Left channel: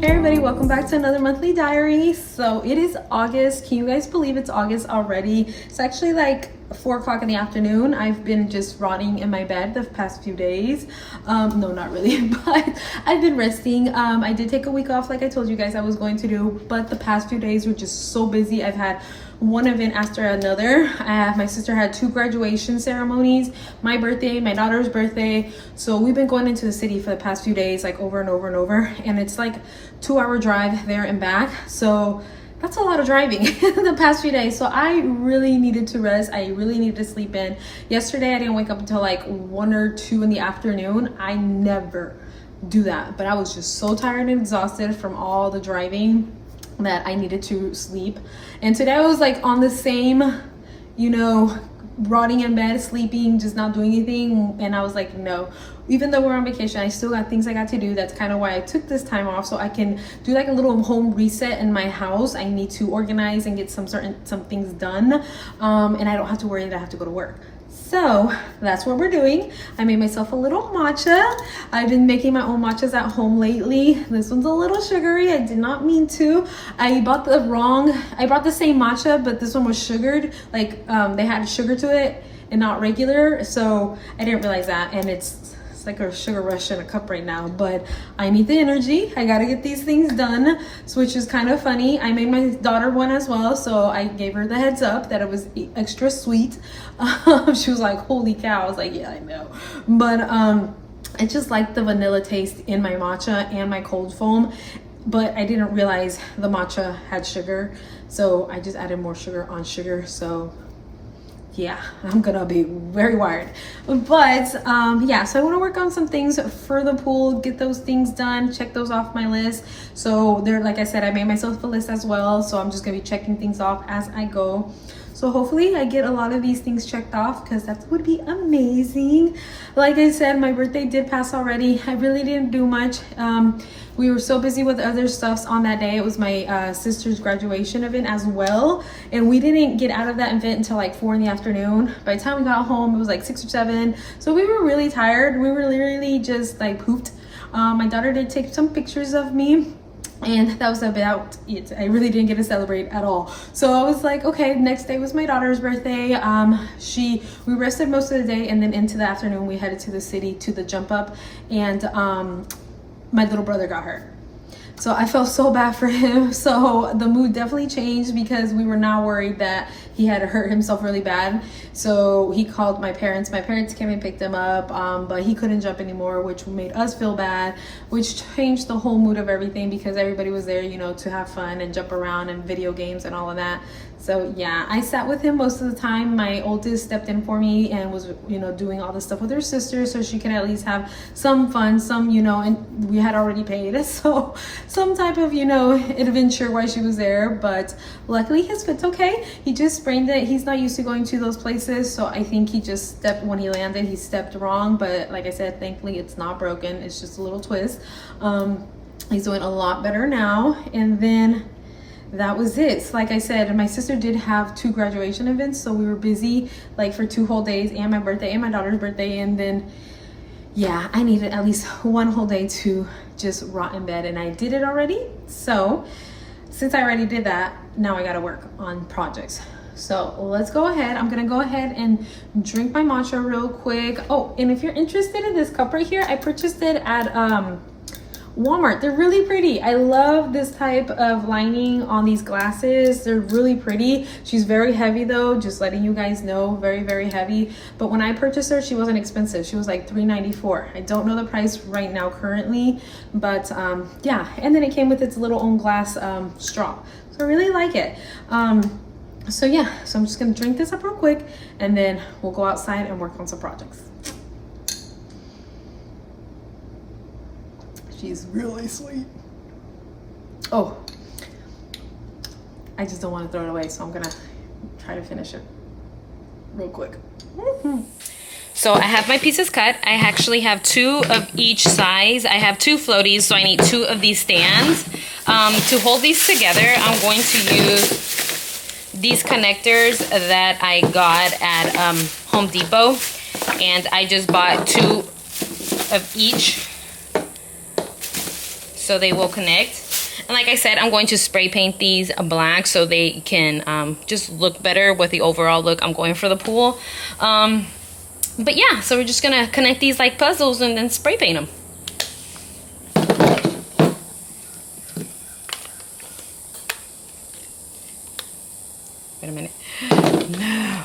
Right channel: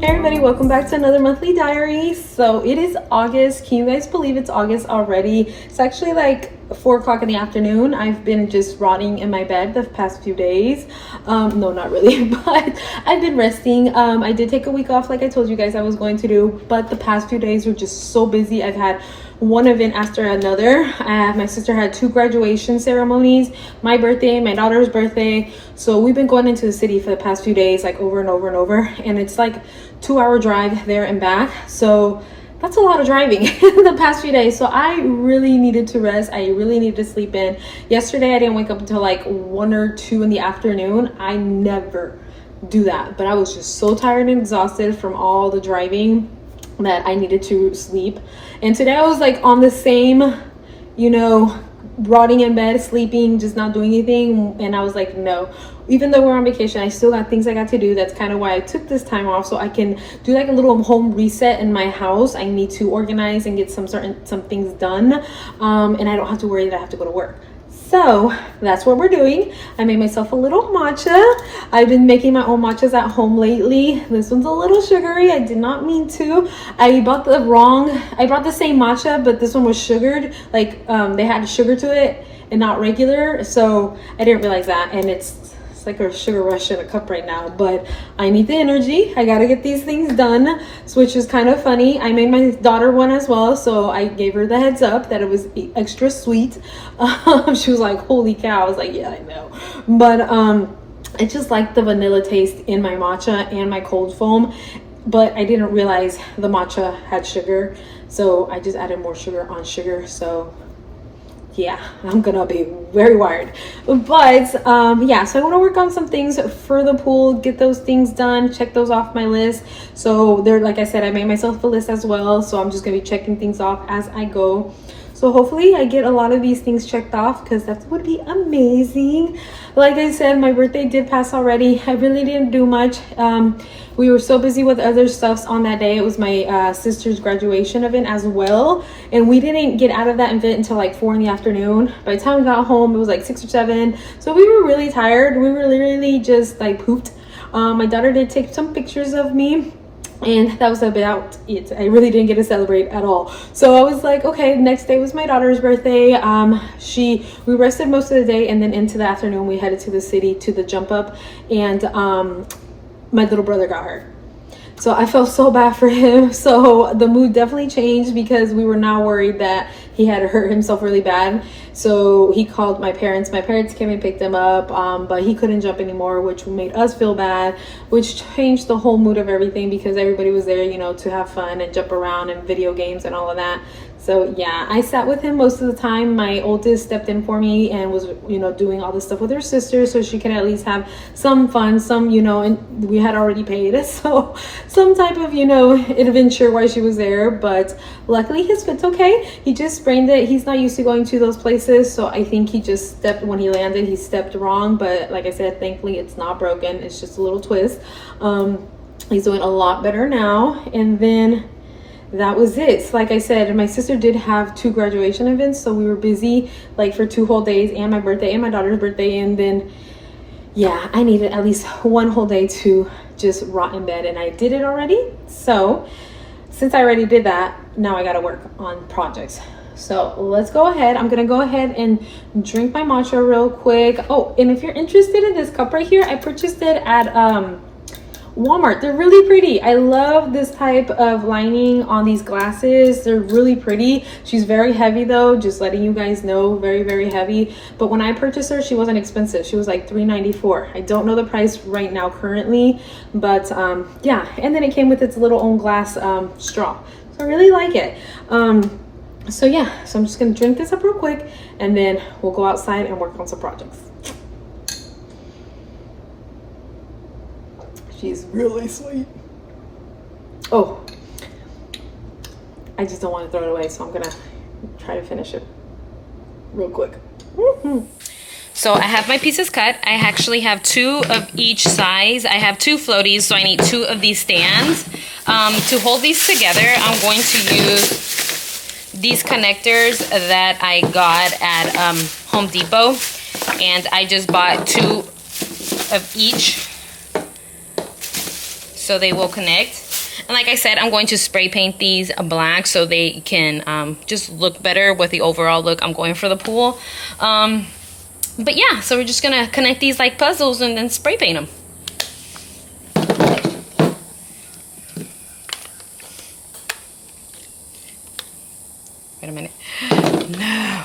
Hey everybody, welcome back to another monthly diary. So it is August. Can you guys believe it's August already? It's actually like 4 o'clock in the afternoon. I've been just rotting in my bed the past few days. No, not really, but I've been resting. I did take a week off like I told you guys I was going to do, but the past few days were just so busy. I've had one event after another. My sister had 2 graduation ceremonies, my birthday, my daughter's birthday. So we've been going into the city for the past few days, like over and over and over. And it's like 2-hour drive there and back. So that's a lot of driving the past few days. So I really needed to rest. I really needed to sleep in. Yesterday, I didn't wake up until like 1 or 2 in the afternoon. I never do that, but I was just so tired and exhausted from all the driving that I needed to sleep. And today I was like on the same, rotting in bed, sleeping, just not doing anything. And I was like, no, even though we're on vacation, I still got things I got to do. That's kind of why I took this time off, so I can do like a little home reset in my house. I need to organize and get some things done. And I don't have to worry that I have to go to work. So that's what we're doing. I made myself a little matcha. I've been making my own matchas at home lately. This one's a little sugary. I did not mean to. I brought the same matcha, but this one was sugared. Like they had sugar to it and not regular. So I didn't realize that. And it's like a sugar rush in a cup right now, but I need the energy. I gotta get these things done, which is kind of funny. I made my daughter one as well, so I gave her the heads up that it was extra sweet. She was like, holy cow. I was like, yeah, I know. But I just like the vanilla taste in my matcha and my cold foam, but I didn't realize the matcha had sugar, so I just added more sugar on sugar. So yeah, I'm gonna be very wired. But yeah, so I want to work on some things for the pool, get those things done, check those off my list. So there, like I said, I made myself a list as well, so I'm just gonna be checking things off as I go. So hopefully I get a lot of these things checked off, because that would be amazing. Like I said, my birthday did pass already. I really didn't do much. We were so busy with other stuffs on that day. It was my sister's graduation event as well, and we didn't get out of that event until like 4 in the afternoon. By the time we got home, it was like 6 or 7. So we were really tired. We were literally just like pooped. My daughter did take some pictures of me, and that was about it. I really didn't get to celebrate at all. So I was like, okay, next day was my daughter's birthday. We rested most of the day, and then into the afternoon we headed to the city to the jump up, and my little brother got hurt. So I felt so bad for him. So the mood definitely changed, because we were now worried that he had hurt himself really bad. So he called my parents. My parents came and picked him up, but he couldn't jump anymore, which made us feel bad, which changed the whole mood of everything, because everybody was there, to have fun and jump around and video games and all of that. So yeah, I sat with him most of the time. My oldest stepped in for me and was, doing all this stuff with her sister, so she can at least have some fun, and we had already paid, so some type of, adventure while she was there. But luckily his foot's okay. He just sprained it. He's not used to going to those places, so I think he just when he landed, he stepped wrong. But like I said, thankfully it's not broken. It's just a little twist. He's doing a lot better now. And then that was it. Like I said, my sister did have 2 graduation events, so we were busy like for 2 whole days, and my birthday and my daughter's birthday. And then yeah, I needed at least 1 whole day to just rot in bed, and I did it already. So since I already did that, now I gotta work on projects. So let's go ahead. I'm gonna go ahead and drink my matcha real quick. Oh, and if you're interested in this cup right here, I purchased it at Walmart. They're really pretty. I love this type of lining on these glasses. They're really pretty. She's very heavy though, just letting you guys know, very, very heavy. But when I purchased her, she wasn't expensive. She was like $3.94. I don't know the price right now currently, but yeah. And then it came with its little own glass straw. So I really like it. So yeah, so I'm just gonna drink this up real quick and then we'll go outside and work on some projects. She's really sweet. Oh, I just don't want to throw it away, so I'm gonna try to finish it real quick. So I have my pieces cut. I actually have 2 of each size. I have 2 floaties, so I need 2 of these stands. To hold these together, I'm going to use these connectors that I got at Home Depot. And I just bought 2 of each, so they will connect. And like I said, I'm going to spray paint these black so they can just look better with the overall look I'm going for the pool. But yeah, so we're just gonna connect these like puzzles and then spray paint them. Wait a minute. No.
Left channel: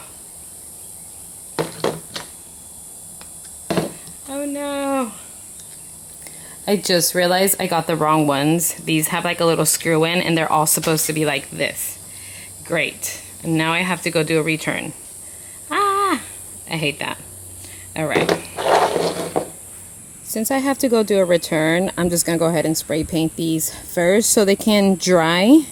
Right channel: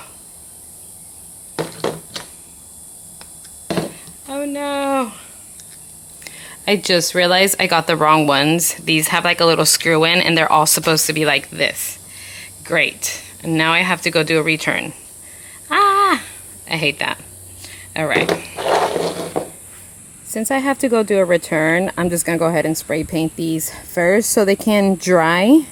Oh no. I just realized I got the wrong ones. These have like a little screw in and they're all supposed to be like this. Great. And now I have to go do a return. Ah, I hate that. All right. Since I have to go do a return, I'm just gonna go ahead and spray paint these first so they can dry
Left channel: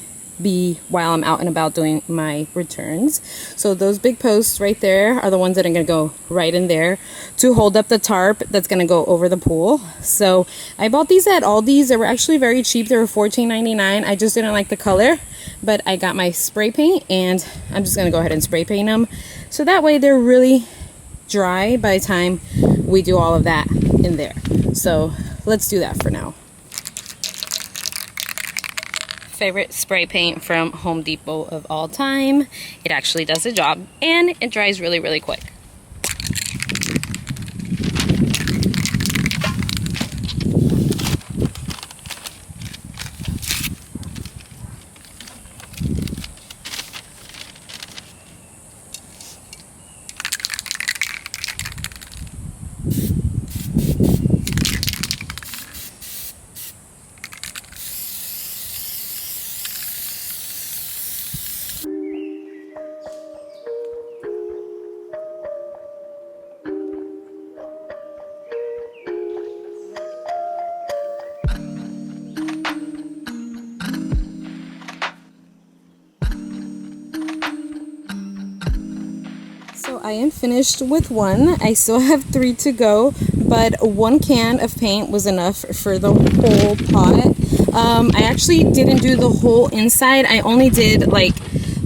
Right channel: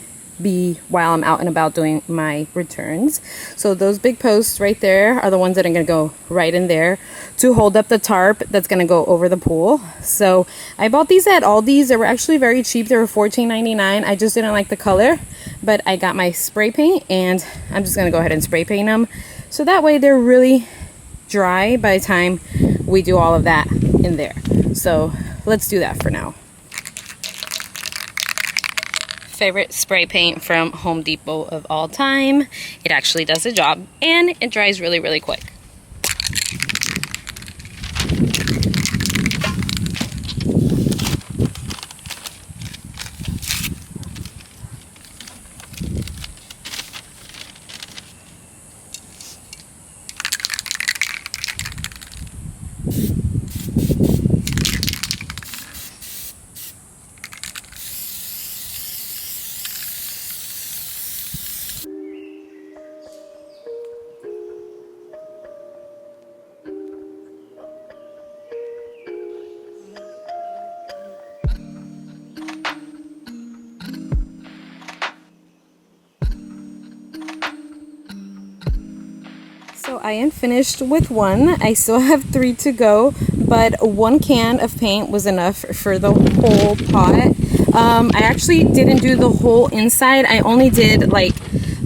while I'm out and about doing my returns. So those big posts right there are the ones that are gonna go right in there to hold up the tarp that's gonna go over the pool. So I bought these at Aldi's. They were actually very cheap. They were $14.99. I just didn't like the color, but I got my spray paint and I'm just gonna go ahead and spray paint them. So that way they're really dry by the time we do all of that in there. So let's do that for now. Favorite spray paint from Home Depot of all time. It actually does the job and it dries really, really quick. So I am finished with one. I still have 3 to go, but 1 can of paint was enough for the whole pot. I actually didn't do the whole inside. I only did like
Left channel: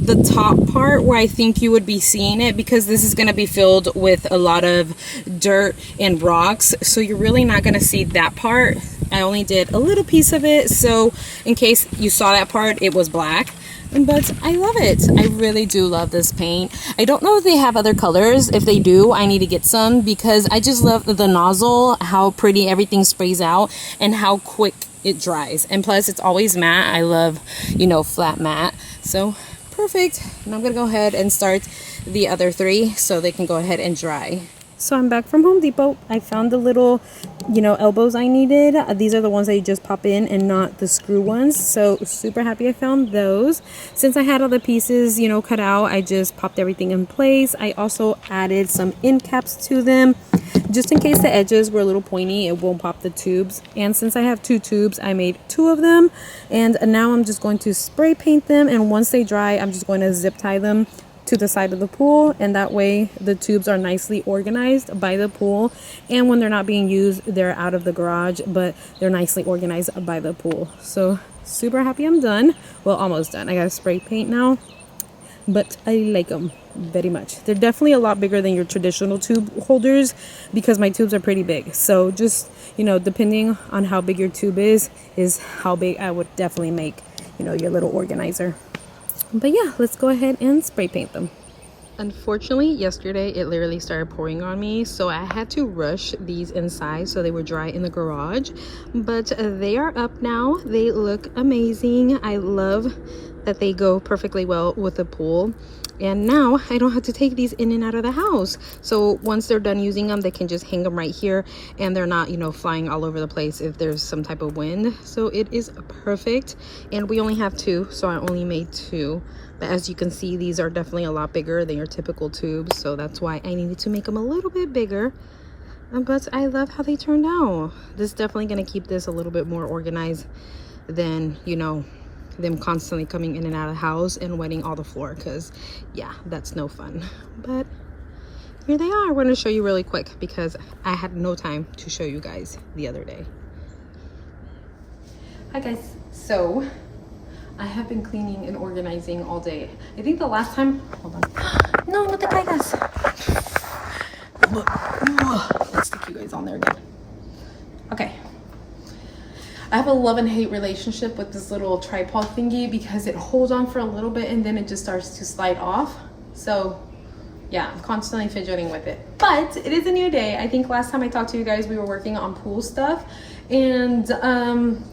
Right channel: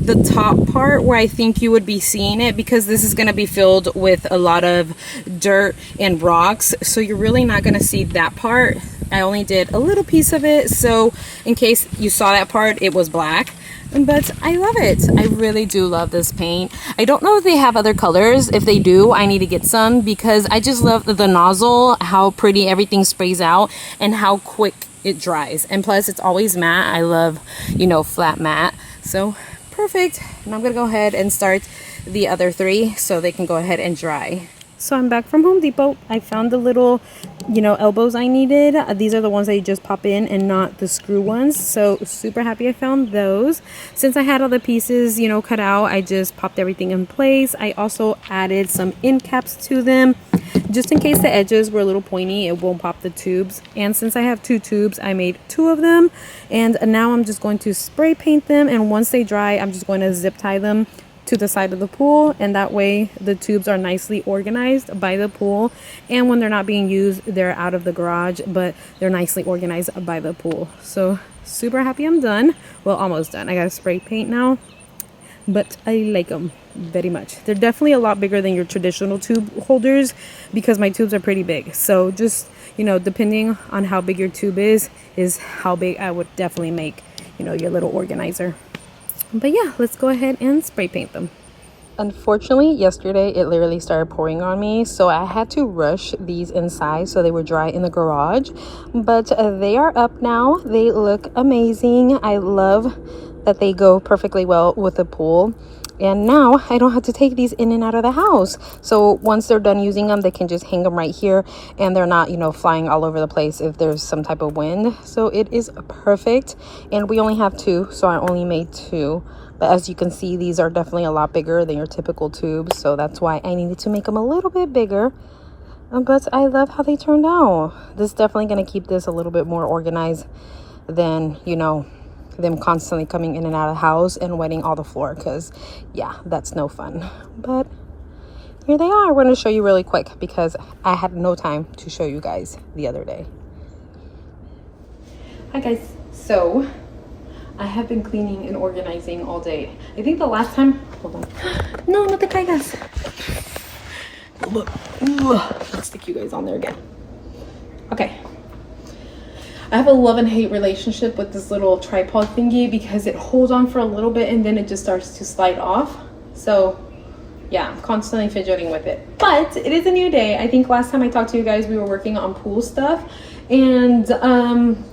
the top part where I think you would be seeing it, because this is going to be filled with a lot of dirt and rocks, so you're really not going to see that part. I only did a little piece of it, so in case you saw that part, it was black. But I love it. I really do love this paint. I don't know if they have other colors. If they do, I need to get some, because I just love the nozzle, how pretty everything sprays out, and how quick it dries. And plus, it's always matte. I love, you know, flat matte. So perfect. And I'm gonna go ahead and start the other 3 so they can go ahead and dry. So I'm back from Home Depot. I found the little, you know, elbows I needed. These are the ones that you just pop in and not the screw ones. So super happy I found those. Since I had all the pieces, you know, cut out, I just popped everything in place. I also added some end caps to them, just in case the edges were a little pointy, it won't pop the tubes. And since I have 2 tubes, I made 2 of them. And now I'm just going to spray paint them. And once they dry, I'm just going to zip tie them to the side of the pool, and that way the tubes are nicely organized by the pool, and when they're not being used, they're out of the garage, but they're nicely organized by the pool. So super happy I'm done. Well, almost done. I gotta spray paint now, but I like them very much. They're definitely a lot bigger than your traditional tube holders, because my tubes are pretty big. So just, you know, depending on how big your tube is how big I would definitely make, you know, your little organizer. But yeah, let's go ahead and spray paint them. Unfortunately, yesterday it literally started pouring on me, so I had to rush these inside so they were dry in the garage. But they are up now. They look amazing. I love that they go perfectly well with the pool. And now I don't have to take these in and out of the house. So once they're done using them, they can just hang them right here, and they're not, you know, flying all over the place if there's some type of wind. So it is perfect. And we only have 2, so I only made 2. But as you can see, these are definitely a lot bigger than your typical tubes, so that's why I needed to make them a little bit bigger. But I love how they turned out. This is definitely going to keep this a little bit more organized than, you know, them constantly coming in and out of the house and wetting all the floor, because yeah, that's no fun. But here they are. We're going to show you really quick because I had no time to show you guys the other day. Hi guys, so I have been cleaning and organizing all day. I think the last time, hold on, no te caigas. Let's stick you guys on there again. Okay, I have a love and hate relationship with this little tripod thingy because it holds on for a little bit and then it just starts to slide off. So yeah, I'm constantly fidgeting with it, but it is a new day. I think last time I talked to you guys, we were working on pool stuff, and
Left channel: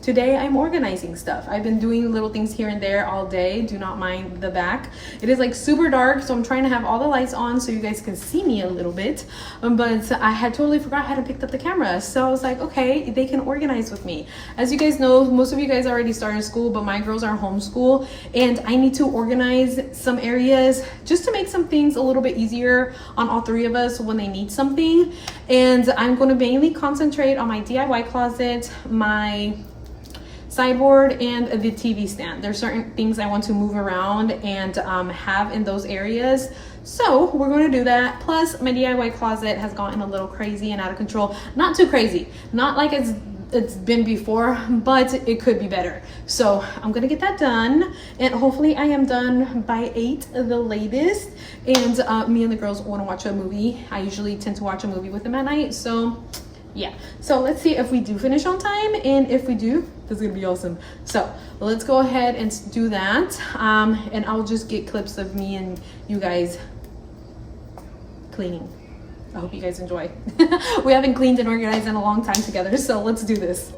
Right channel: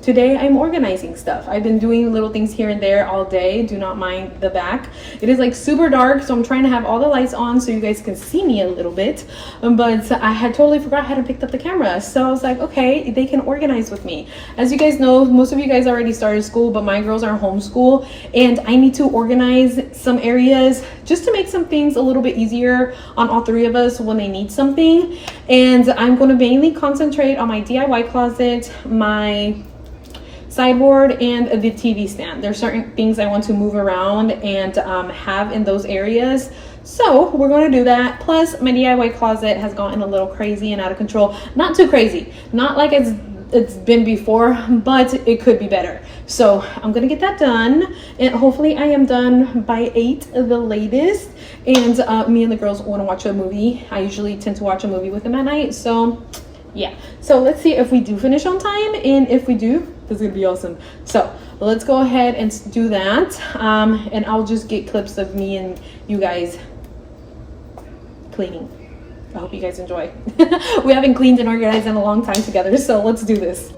today I'm organizing stuff. I've been doing little things here and there all day. Do not mind the back. It is like super dark, so I'm trying to have all the lights on so you guys can see me a little bit, but I had totally forgot I hadn't picked up the camera, so I was like, okay, they can organize with me. As you guys know, most of you guys already started school, but my girls are homeschool, and I need to organize some areas just to make some things a little bit easier on all three of us when they need something. And I'm going to mainly concentrate on my DIY closet, my sideboard, and the TV stand. There's certain things I want to move around and have in those areas, so we're going to do that. Plus my DIY closet has gotten a little crazy and out of control. Not too crazy, not like it's been before, but it could be better. So I'm gonna get that done, and hopefully I am done by 8 the latest. And me and the girls want to watch a movie. I usually tend to watch a movie with them at night, so yeah. So let's see if we do finish on time, and if we do, this is gonna be awesome. So let's go ahead and do that, and I'll just get clips of me and you guys cleaning. I hope you guys enjoy. We haven't cleaned and organized in a long time together, so let's do this.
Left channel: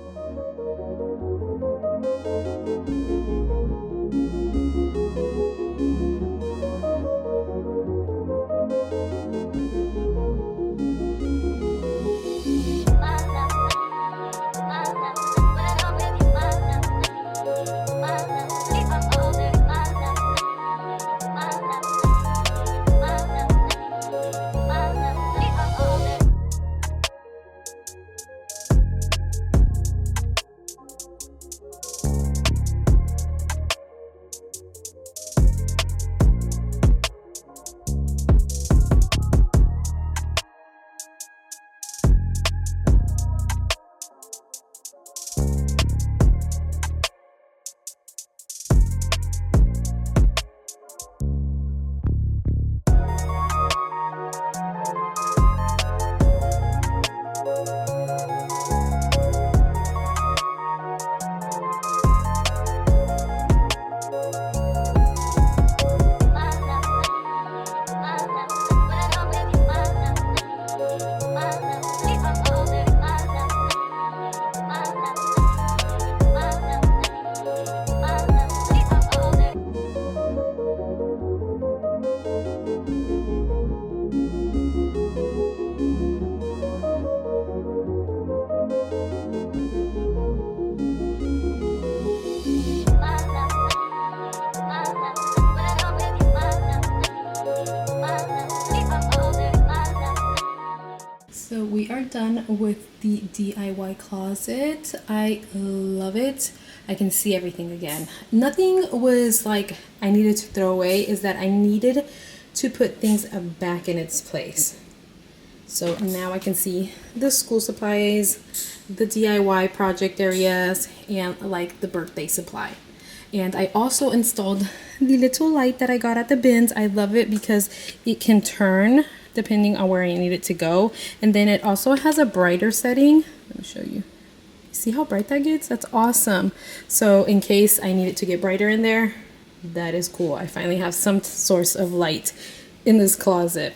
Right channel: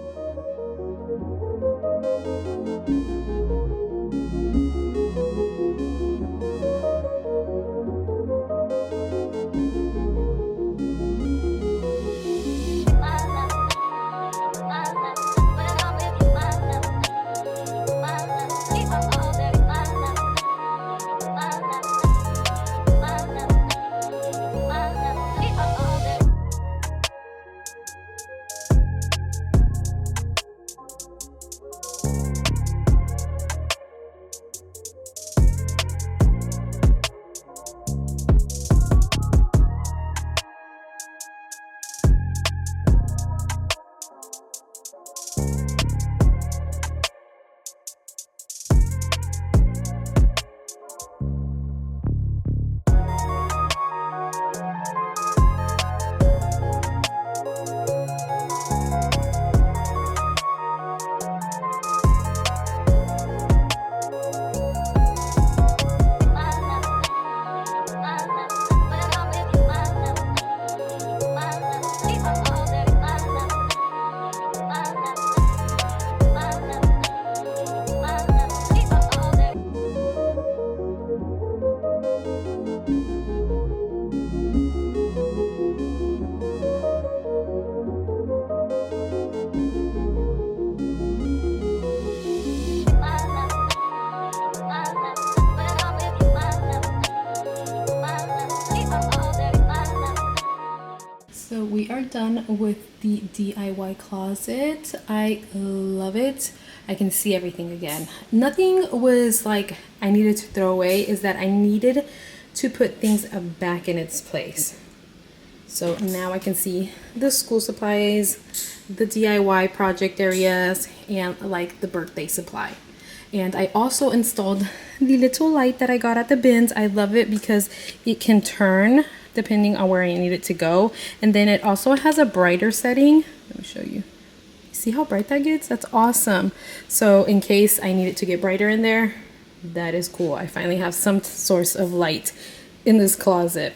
So we are done with the DIY closet. I love it. I can see everything again. Nothing was like I needed to throw away, is that I needed to put things back in its place. So now I can see the school supplies, the DIY project areas, and like the birthday supply. And I also installed the little light that I got at the bins. I love it because it can turn depending on where I need it to go. And then it also has a brighter setting. Let me show you. See how bright that gets? That's awesome. So in case I need it to get brighter in there, that is cool. I finally have some source of light in this closet.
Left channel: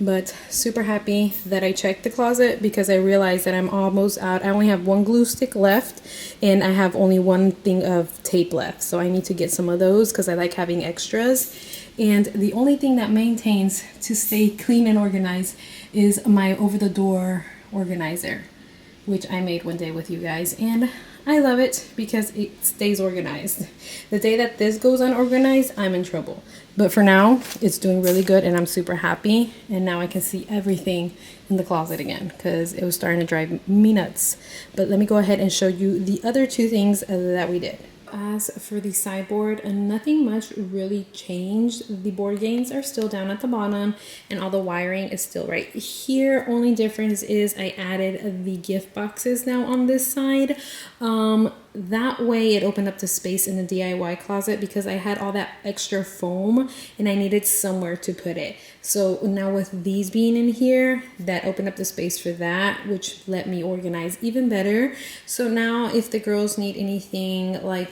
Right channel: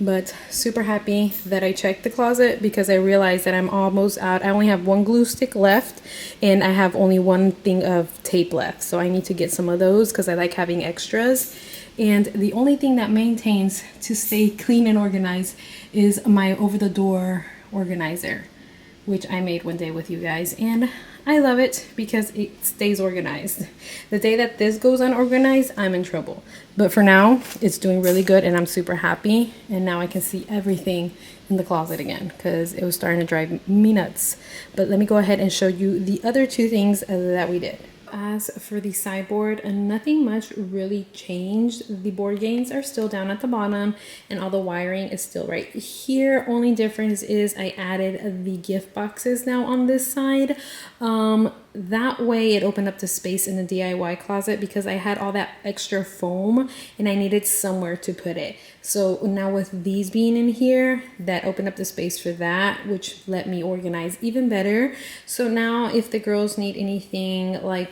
But super happy that I checked the closet because I realized that I'm almost out. I only have one glue stick left and I have only one thing of tape left. So I need to get some of those because I like having extras. And the only thing that maintains to stay clean and organized is my over the door organizer, which I made one day with you guys. And I love it because it stays organized. The day that this goes unorganized, I'm in trouble. But for now, it's doing really good and I'm super happy. And now I can see everything in the closet again because it was starting to drive me nuts. But let me go ahead and show you the other two things that we did. As for the sideboard, nothing much really changed. The board games are still down at the bottom and all the wiring is still right here. Only difference is I added the gift boxes now on this side. That way it opened up the space in the DIY closet because I had all that extra foam and I needed somewhere to put it. So now with these being in here, that opened up the space for that, which let me organize even better. So now if the girls need anything like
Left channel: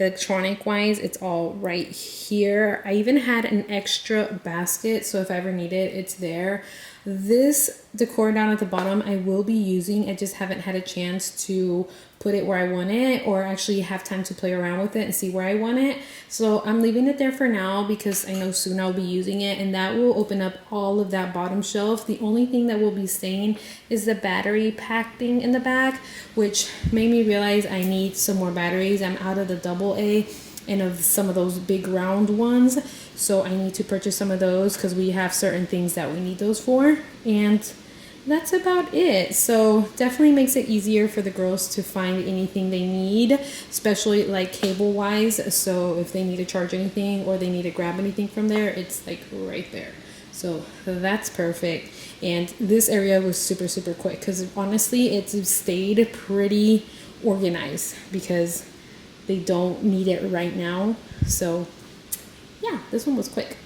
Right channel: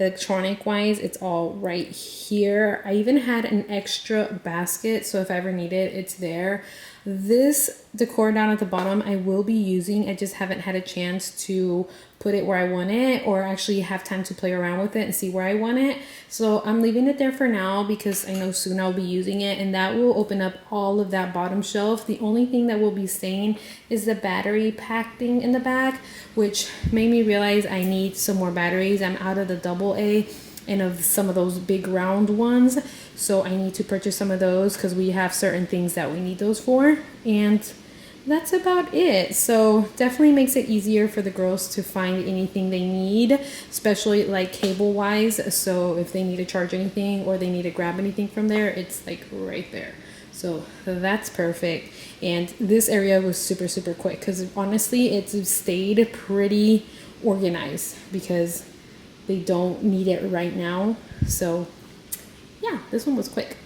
electronic wise, it's all right here. I even had an extra basket, so if I ever need it, it's there. This decor down at the bottom I will be using. I just haven't had a chance to put it where I want it or actually have time to play around with it and see where I want it. So I'm leaving it there for now because I know soon I'll be using it, and that will open up all of that bottom shelf. The only thing that will be staying is the battery pack thing in the back, which made me realize I need some more batteries. I'm out of the AA and of some of those big round ones, so I need to purchase some of those because we have certain things that we need those for, and that's about it. So definitely makes it easier for the girls to find anything they need, especially like cable wise. So if they need to charge anything or they need to grab anything from there, it's like right there. So that's perfect. And this area was super quick because honestly it stayed pretty organized because they don't need it right now. So yeah, this one was quick.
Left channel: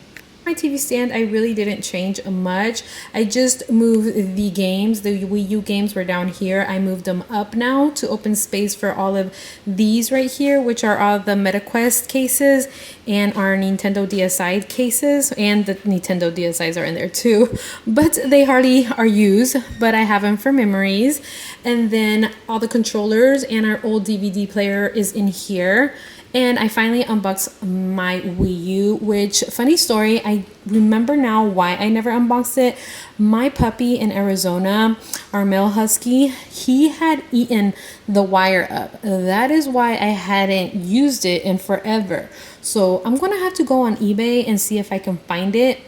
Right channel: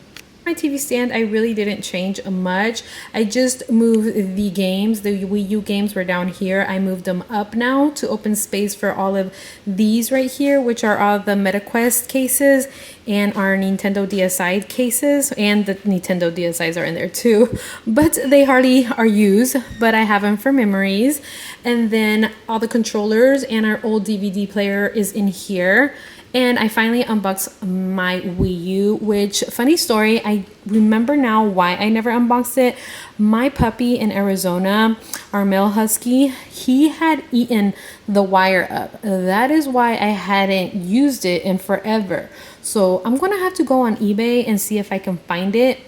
My TV stand, I really didn't change much. I just moved the games. The Wii U games were down here. I moved them up now to open space for all of these right here, which are all the MetaQuest cases and our Nintendo DSi cases, and the Nintendo DSi's are in there too, but they hardly are used, but I have them for memories. And then all the controllers and our old DVD player is in here. And I finally unboxed my Wii U, which, funny story, I remember now why I never unboxed it. My puppy in Arizona, our male husky, he had eaten the wire up. That is why I hadn't used it in forever. So I'm gonna have to go on eBay and see if I can find it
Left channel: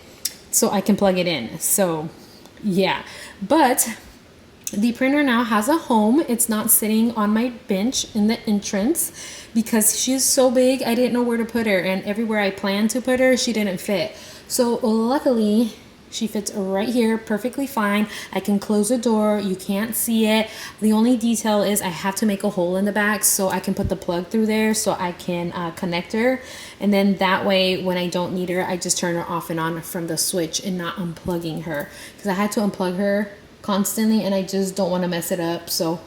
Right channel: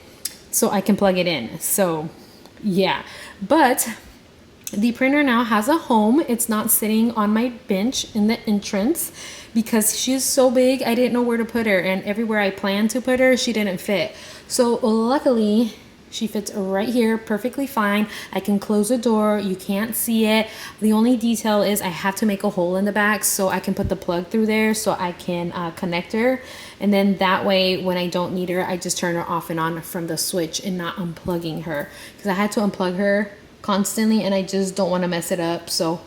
so I can plug it in. So yeah, but the printer now has a home. It's not sitting on my bench in the entrance because she's so big I didn't know where to put her, and everywhere I planned to put her she didn't fit. So luckily she fits right here perfectly fine. I can close the door, you can't see it. The only detail is I have to make a hole in the back so I can put the plug through there so I can connect her, and then that way when I don't need her I just turn her off and on from the switch and not unplugging her, because I had to unplug her constantly and I just don't want to mess it up. So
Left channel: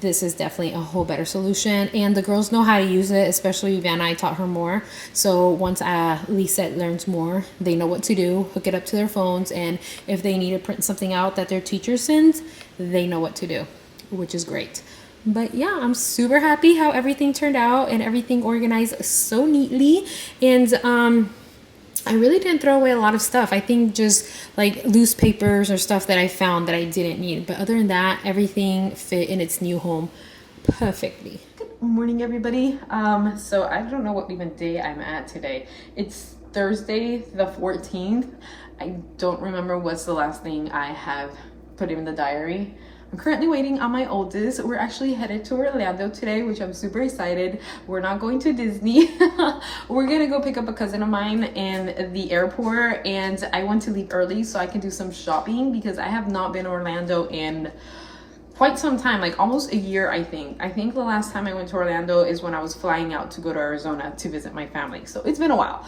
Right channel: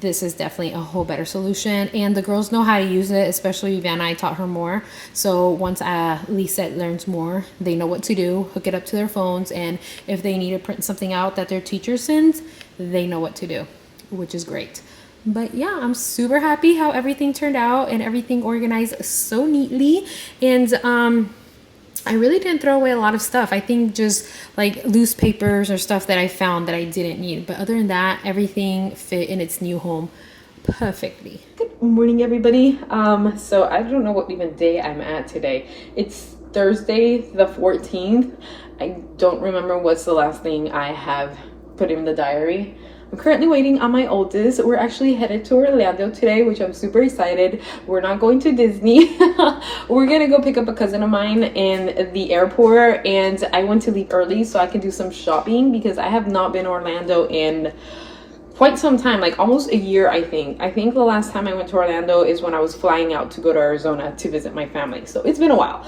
this is definitely a whole better solution, and the girls know how to use it, especially Vanna. I taught her more, so once Lisette learns more, they know what to do. Hook it up to their phones, and if they need to print something out that their teacher sends, they know what to do, which is great. But yeah, I'm super happy how everything turned out and everything organized so neatly. And I really didn't throw away a lot of stuff. I think just like loose papers or stuff that I found that I didn't need. But other than that, everything fit in its new home perfectly. Good morning, everybody. So I don't know what even day I'm at today. It's Thursday the 14th. I don't remember what's the last thing I have put in the diary. I'm currently waiting on my oldest. We're actually headed to Orlando today, which I'm super excited. We're not going to Disney. We're gonna go pick up a cousin of mine in the airport, and I want to leave early so I can do some shopping because I have not been to Orlando in quite some time, like almost a year. I think the last time I went to Orlando is when I was flying out to go to Arizona to visit my family, so it's been a while.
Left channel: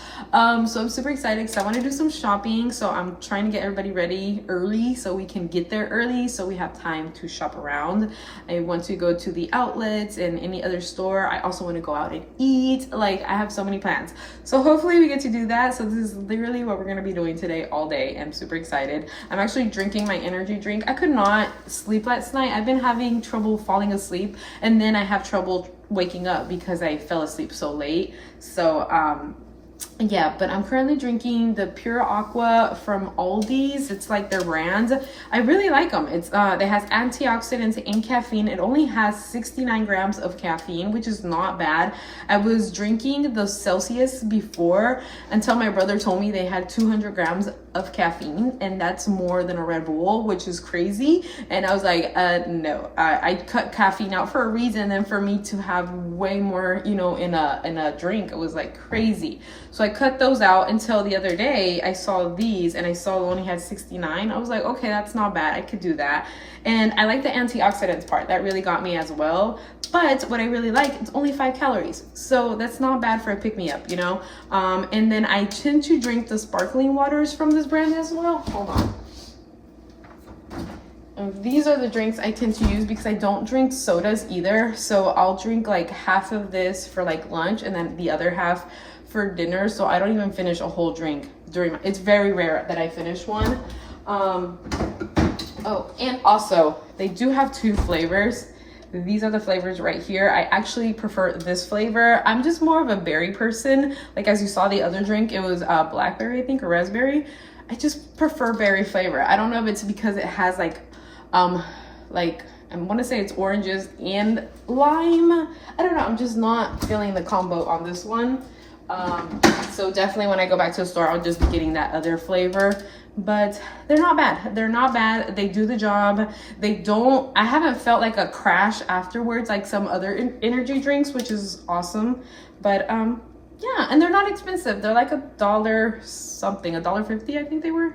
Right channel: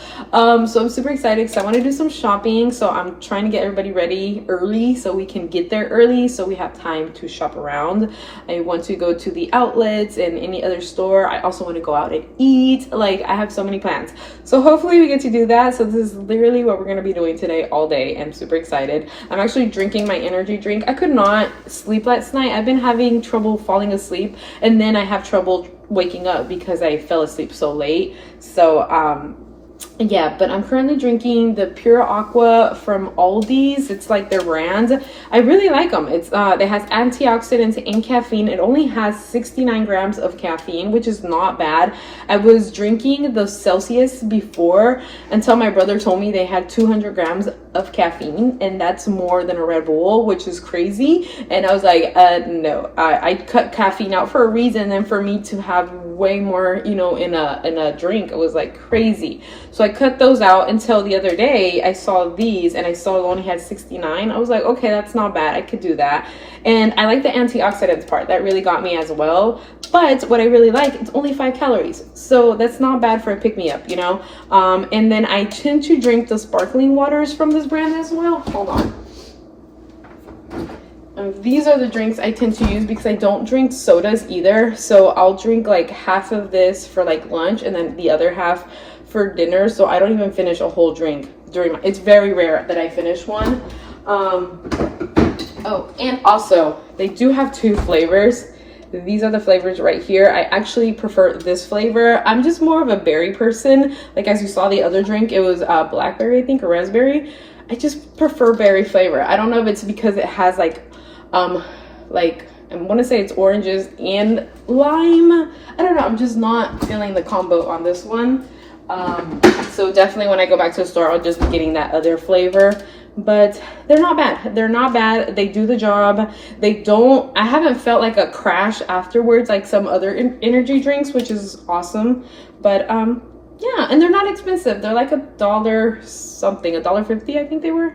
So I'm super excited because I want to do some shopping, so I'm trying to get everybody ready early so we can get there early so we have time to shop around. I want to go to the outlets and any other store. I also want to go out and eat. Like, I have so many plans, so hopefully we get to do that. So this is literally what we're going to be doing today all day. I'm super excited. I'm actually drinking my energy drink. I could not sleep last night. I've been having trouble falling asleep, and then I have trouble waking up because I fell asleep so late. So Yeah, but I'm currently drinking the Pure Aqua from Aldi's. It's like their brand. I really like them. It has antioxidants and caffeine. It only has 69 grams of caffeine, which is not bad. I was drinking the Celsius before until my brother told me they had 200 grams of caffeine, and that's more than a Red Bull, which is crazy. And I was like, no, I cut caffeine out for a reason, and for me to have way more, you know, in a drink, it was like crazy. So I cut those out until the other day I saw these and I saw it only had 69. I was like, okay, that's not bad, I could do that. And I like the antioxidants part, that really got me as well. But what I really like, it's only 5 calories, so that's not bad for a pick-me-up, you know. And then I tend to drink the sparkling waters from this brand as well. Hold on. These are the drinks I tend to use because I don't drink sodas either. So I'll drink like half of this for like lunch and then the other half for dinner. So I don't even finish a whole drink during it's very rare that I finish one. Oh, and also they do have 2 flavors. These are the flavors right here. I actually prefer this flavor. I'm just more of a berry person. Like as you saw the other drink, it was blackberry, I think, or raspberry. I just prefer berry flavor. I don't know if it's because it has like I want to say it's oranges and lime. I don't know. I'm just not feeling the combo on this one. So definitely when I go back to the store, I'll just be getting that other flavor. But they're not bad. They're not bad. They do the job. I haven't felt like a crash afterwards like some other energy drinks, which is awesome. But yeah, and they're not expensive. They're like $1 something, $1.50 I think they were,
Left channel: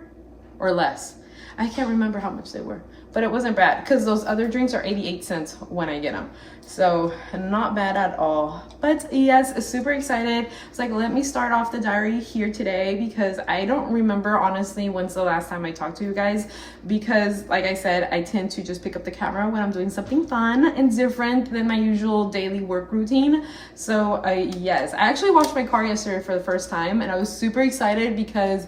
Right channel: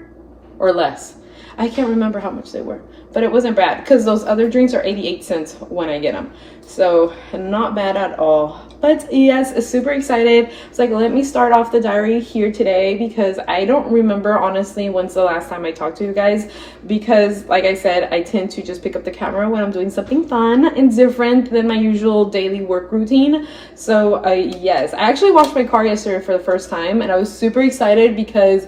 or less. I can't remember how much they were, but it wasn't bad because those other drinks are 88 cents when I get them. So not bad at all. But yes, super excited. It's like, let me start off the diary here today because I don't remember honestly when's the last time I talked to you guys, because like I said, I tend to just pick up the camera when I'm doing something fun and different than my usual daily work routine. So yes, I actually washed my car yesterday for the first time and I was super excited because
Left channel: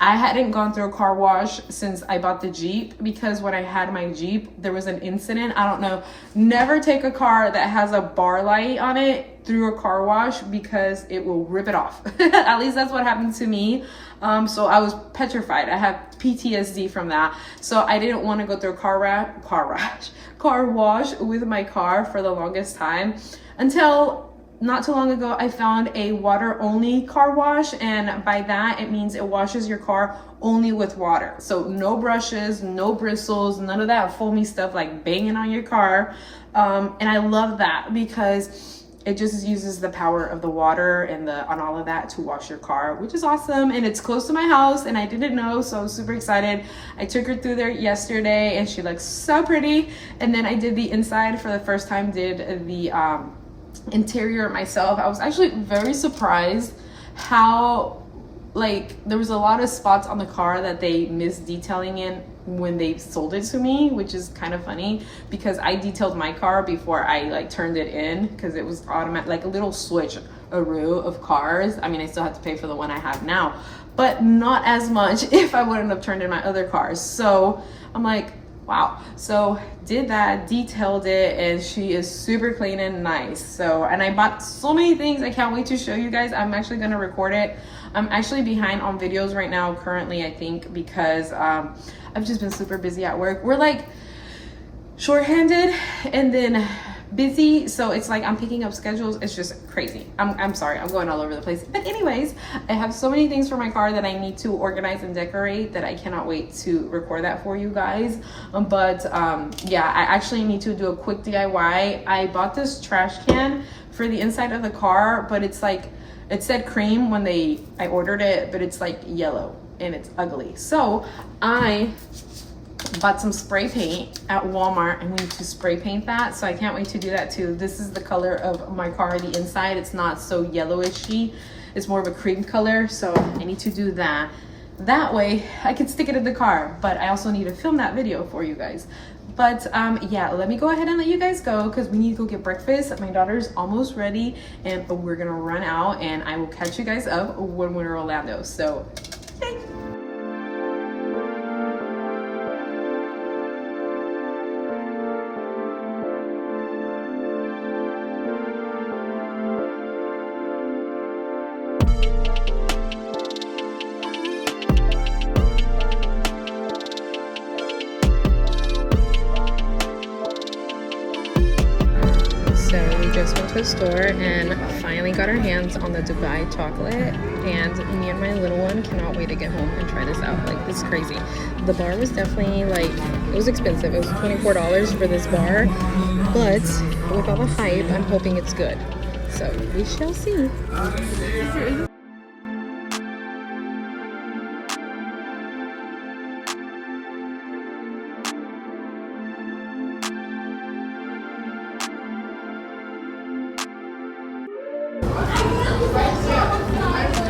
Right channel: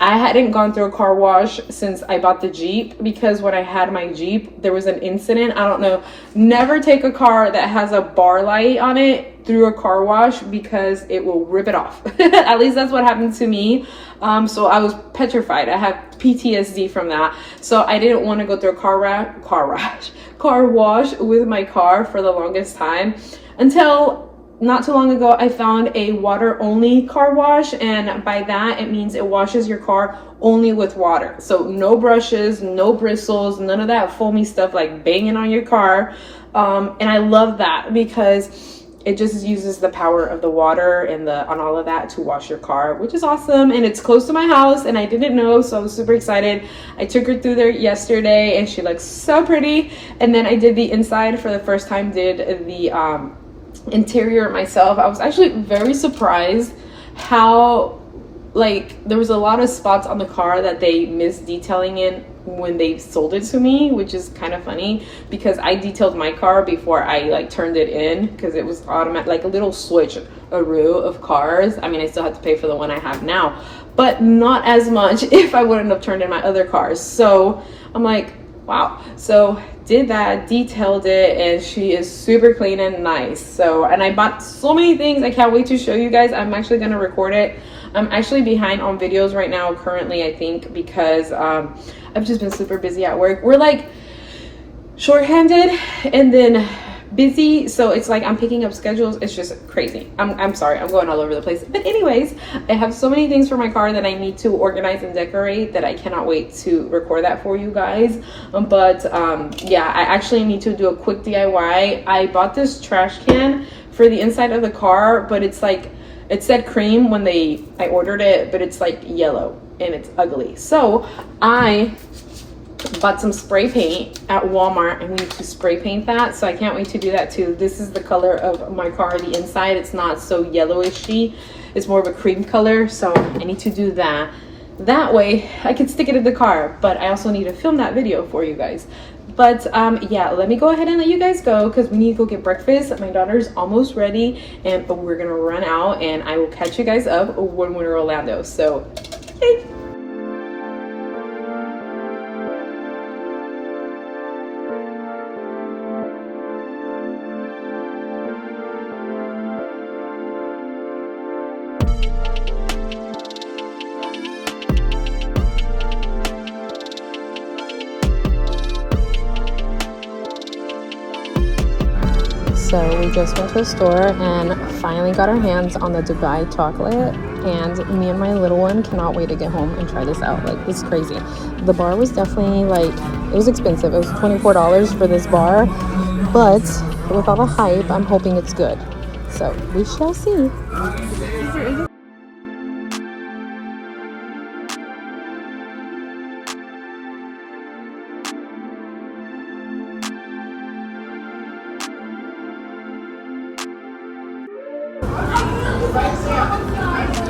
I hadn't gone through a car wash since I bought the Jeep, because when I had my Jeep, there was an incident. I don't know. Never take a car that has a bar light on it through a car wash because it will rip it off. At least that's what happened to me. So I was petrified. I have PTSD from that. So I didn't want to go through a car wash with my car for the longest time until not too long ago. I found a water only car wash, and by that it means it washes your car only with water. So no brushes, no bristles, none of that foamy stuff like banging on your car. And I love that because it just uses the power of the water and on all of that to wash your car, which is awesome. And it's close to my house and I didn't know, so I was super excited. I took her through there yesterday and she looks so pretty. And then I did the inside for the first time, did the interior myself. I was actually very surprised how like there was a lot of spots on the car that they missed detailing in when they sold it to me, which is kind of funny because I detailed my car before I like turned it in because it was automatic, like a little switch-a-roo of cars. I mean, I still had to pay for the one I have now, but not as much if I wouldn't have turned in my other cars. So I'm like, wow. So did that, detailed it, and she is super clean and nice. So, and I bought so many things. I can't wait to show you guys. I'm actually going to record it. I'm actually behind on videos right now currently, I think, because I've just been super busy at work. We're like shorthanded and then busy, so it's like I'm picking up schedules. It's just crazy. I'm sorry, I'm going all over the place, but anyways, I have so many things for my car that I need to organize and decorate that I cannot wait to record that for you guys. Yeah, I actually need to do a quick DIY. I bought this trash can for the inside of the car, but it's like, it said cream when I ordered it, but it's like yellow and it's ugly. So I bought some spray paint at Walmart and we need to spray paint that. So I can't wait to do that too. This is the color of my car, the inside. It's not so yellowishy. It's more of a cream color. So I need to do that. That way I can stick it in the car, but I also need to film that video for you guys. But yeah, let me go ahead and let you guys go because we need to go get breakfast. My daughter's almost ready and we're gonna run out, and I will catch you guys up when we're in Orlando. So, hey. So we just went to the store and finally got our hands on the Dubai chocolate, and me and my little one cannot wait to get home and try this out. Like, this is crazy. The bar was definitely like, it was expensive. It was $24 for this bar, but with all the hype, I'm hoping it's good. So we shall see.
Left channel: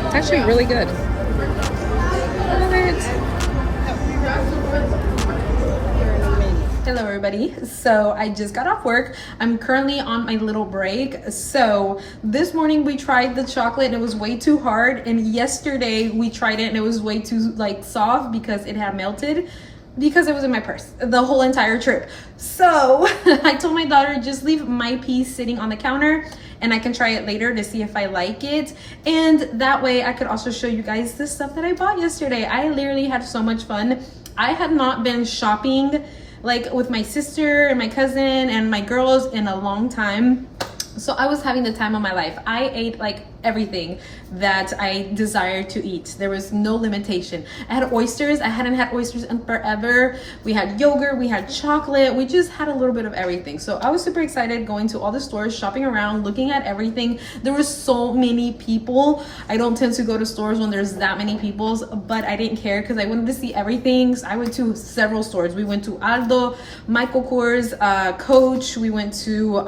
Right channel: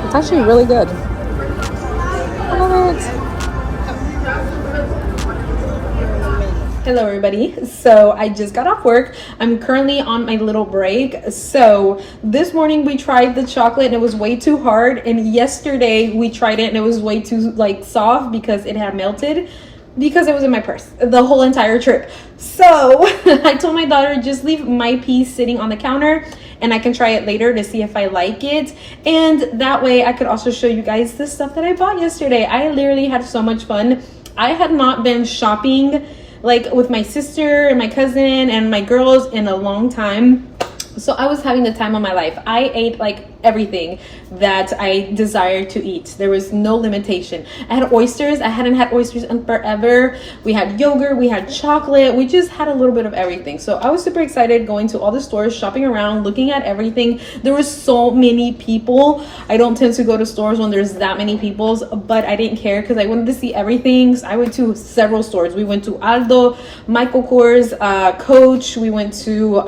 It's actually really good. I love it. Hello everybody. So I just got off work. I'm currently on my little break. So this morning we tried the chocolate and it was way too hard, and yesterday we tried it and it was way too like soft because it had melted because it was in my purse the whole entire trip. So I told my daughter, just leave my piece sitting on the counter and I can try it later to see if I like it, and that way I could also show you guys the stuff that I bought yesterday. I literally had so much fun. I had not been shopping like with my sister and my cousin and my girls in a long time, so I was having the time of my life. I ate like everything that I desired to eat. There was no limitation. I had oysters. I hadn't had oysters in forever. We had yogurt, we had chocolate, we just had a little bit of everything. So I was super excited going to all the stores, shopping around, looking at everything. There were so many people. I don't tend to go to stores when there's that many people, but I didn't care because I wanted to see everything. So I went to several stores. We went to Aldo, Michael Kors, Coach. We went to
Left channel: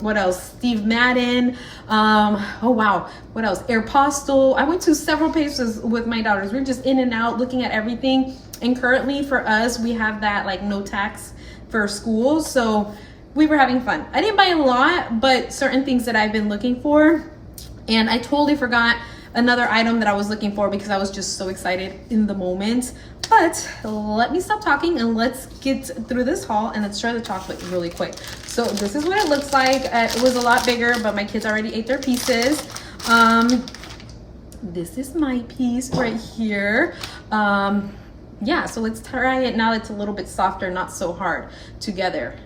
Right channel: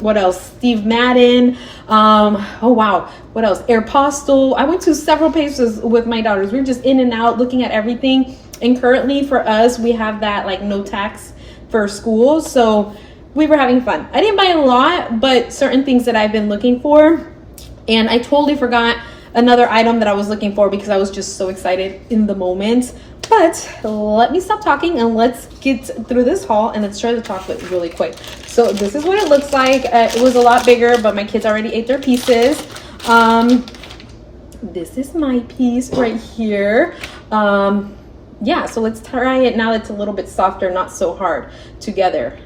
what else? Steve Madden. Oh wow, what else? Aeropostale. I went to several places with my daughters. We were just in and out looking at everything. And currently for us, we have that like no tax for school, so we were having fun. I didn't buy a lot, but certain things that I've been looking for. And I totally forgot another item that I was looking for because I was just so excited in the moment. But let me stop talking and let's get through this haul and let's try the chocolate really quick. So this is what it looks like. It was a lot bigger, but my kids already ate their pieces. This is my piece right here. Yeah, so let's try it now that it's a little bit softer, not so hard together.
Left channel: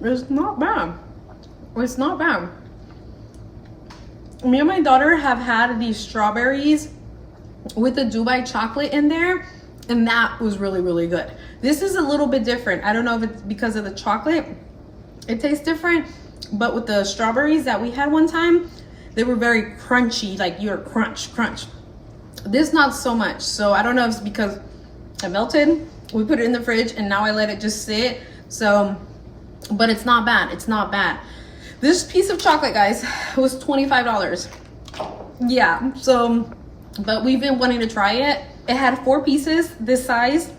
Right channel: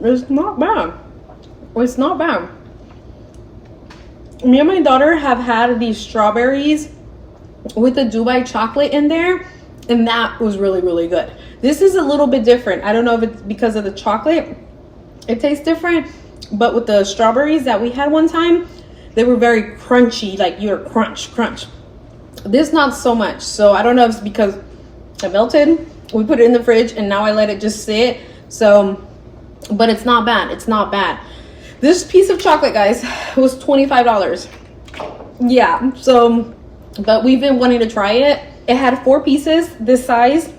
It's not bad. It's not bad. Me and my daughter have had these strawberries with the Dubai chocolate in there, and that was really, really good. This is a little bit different. I don't know if it's because of the chocolate. It tastes different, but with the strawberries that we had one time, they were very crunchy, like you're crunch. This not so much. So I don't know if it's because it melted. We put it in the fridge and now I let it just sit. So, but it's not bad. It's not bad. This piece of chocolate, guys, was $25. Yeah, so, but we've been wanting to try it. It had 4 pieces this size,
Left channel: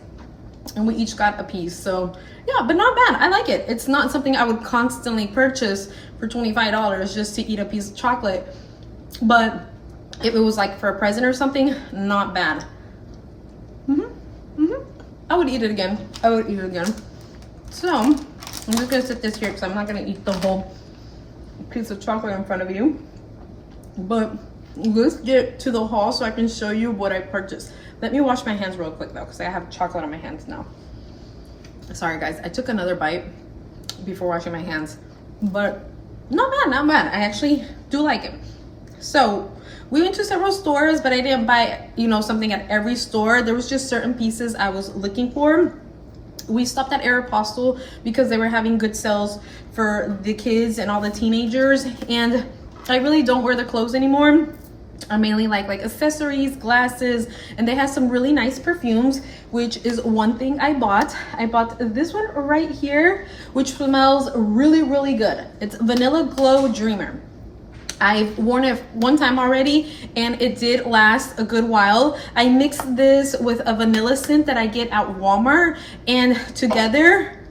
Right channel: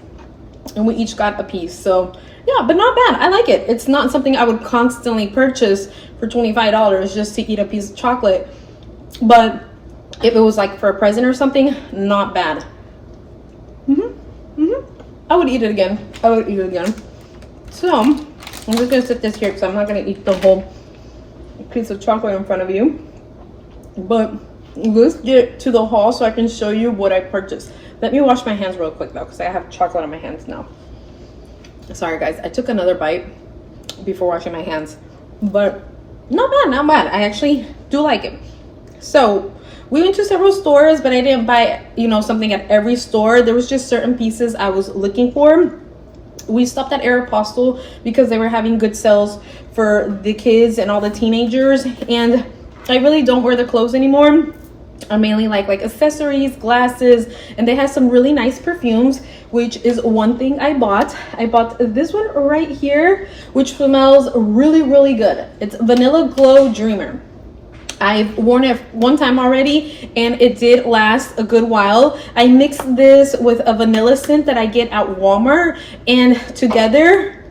and we each got a piece. So, yeah, but not bad. I like it. It's not something I would constantly purchase for $25 just to eat a piece of chocolate. But if it was like for a present or something, not bad. I would eat it again. I would eat it again. So, I'm just gonna sit this here because I'm not gonna eat the whole piece of chocolate in front of you. But let's get to the haul so I can show you what I purchased. Let me wash my hands real quick though, because I have chocolate on my hands now. Sorry guys, I took another bite before washing my hands, but not bad, not bad. I actually do like it. So we went to several stores, but I didn't buy, you know, something at every store. There was just certain pieces I was looking for. We stopped at Aeropostale because they were having good sales for the kids and all the teenagers, and I really don't wear the clothes anymore. I mainly like accessories, glasses, and they have some really nice perfumes, which is one thing I bought. I bought this one right here, which smells really, really good. It's Vanilla Glow Dreamer. I've worn it one time already and it did last a good while. I mixed this with a vanilla scent that I get at Walmart, and together,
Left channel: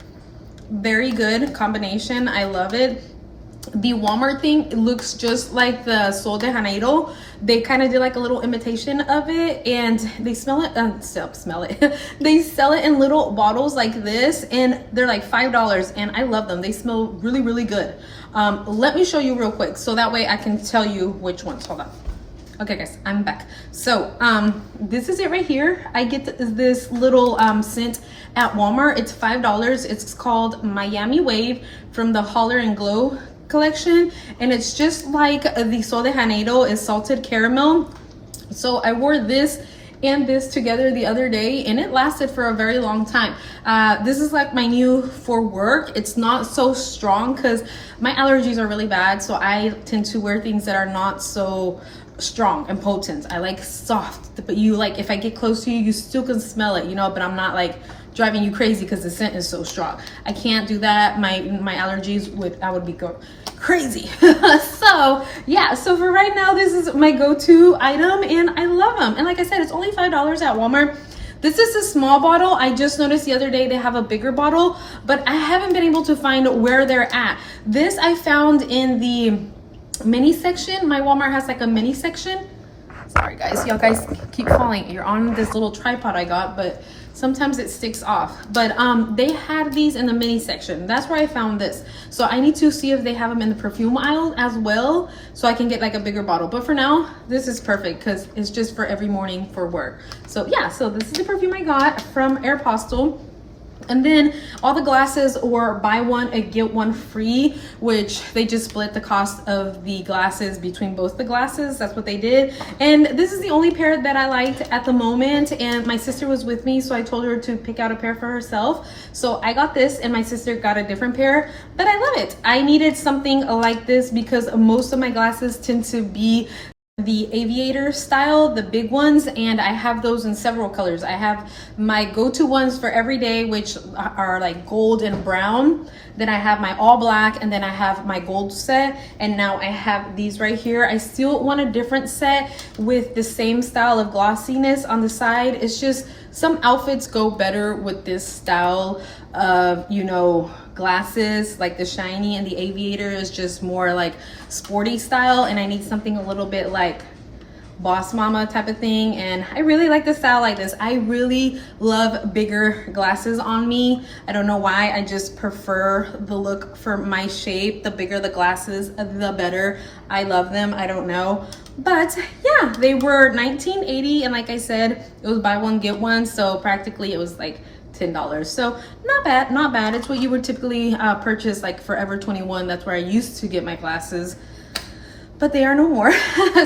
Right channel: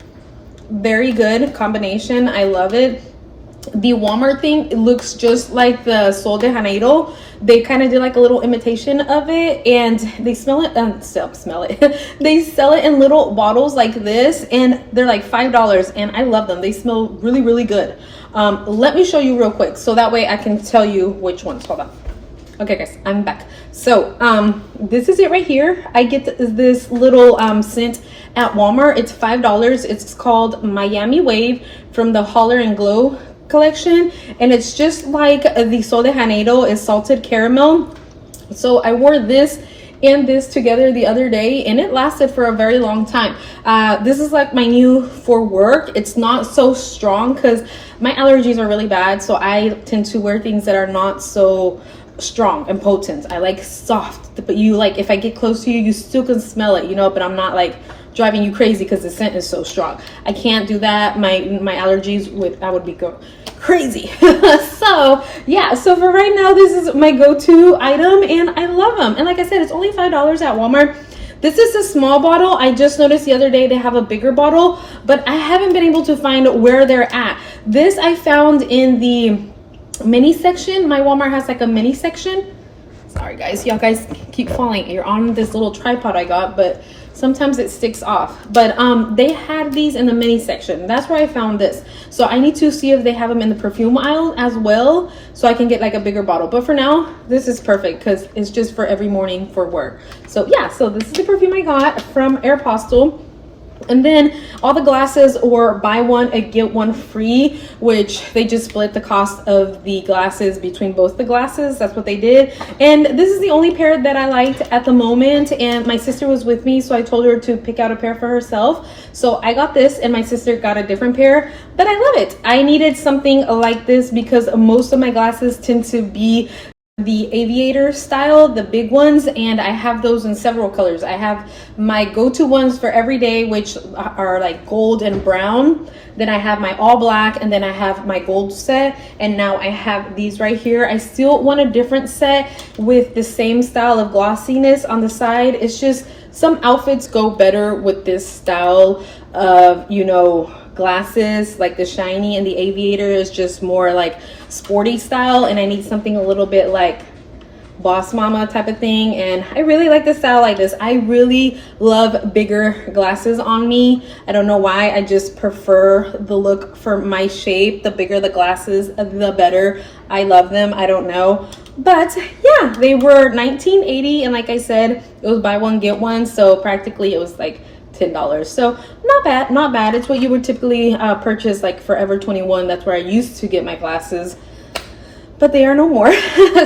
very good combination. I love it. The Walmart thing, it looks just like the Sol de Janeiro. They kind of did like a little imitation of it, and they smell it, they sell it in little bottles like this, and they're like $5, and I love them. They smell really, really good. Let me show you real quick so that way I can tell you which ones. Hold on. Okay guys, I'm back. So this is it right here. I get this little scent at Walmart. It's $5. It's called Miami Wave from the Holler and Glow collection, and it's just like the Sol de Janeiro is salted caramel. So I wore this and this together the other day, and it lasted for a very long time. This is like my new for work. It's not so strong because my allergies are really bad, so I tend to wear things that are not so strong and potent. I like soft, but you like, if I get close to you, you still can smell it, you know, but I'm not like driving you crazy because the scent is so strong. I can't do that. My allergies would, I would be crazy. So yeah, so for right now, this is my go-to item and I love them. And like I said, it's only $5 at Walmart. This is a small bottle. I just noticed the other day they have a bigger bottle, but I haven't been able to find where they're at. This I found in the mini section. My Walmart has like a mini section. Sorry guys, y'all guys keep falling. You're on this little tripod I got, but sometimes it sticks off. But they had these in the mini section. That's where I found this. So I need to see if they have them in the perfume aisle as well, so I can get like a bigger bottle. But for now, this is perfect because it's just for every morning for work. So yeah, so this is the perfume I got from Aeropostale. And then all the glasses were buy one and get one free, which they just split the cost of the glasses between both the glasses. That's what they did. And this is the only pair that I liked at the moment. And my sister was with me, so I told her to pick out a pair for herself. So I got this and my sister got a different pair, but I love it. I needed something like this because most of my glasses tend to be the aviator style, the big ones, and I have those in several colors. I have my go-to ones for every day, which are like gold and brown. Then I have my all black, and then I have my gold set, and now I have these right here. I still want a different set with the same style of glossiness on the side. It's just some outfits go better with this style of, you know, glasses. Like the shiny and the aviator is just more like sporty style, and I need something a little bit like boss mama type of thing. And I really like the style like this. I really love bigger glasses on me. I don't know why, I just prefer the look for my shape. The bigger the glasses, the better. I love them. I don't know, but yeah, they were $19.80, and like I said, it was buy one get one, so practically it was like $10. So not bad. It's what you would typically purchase like Forever 21. That's where I used to get my glasses, but they are no more.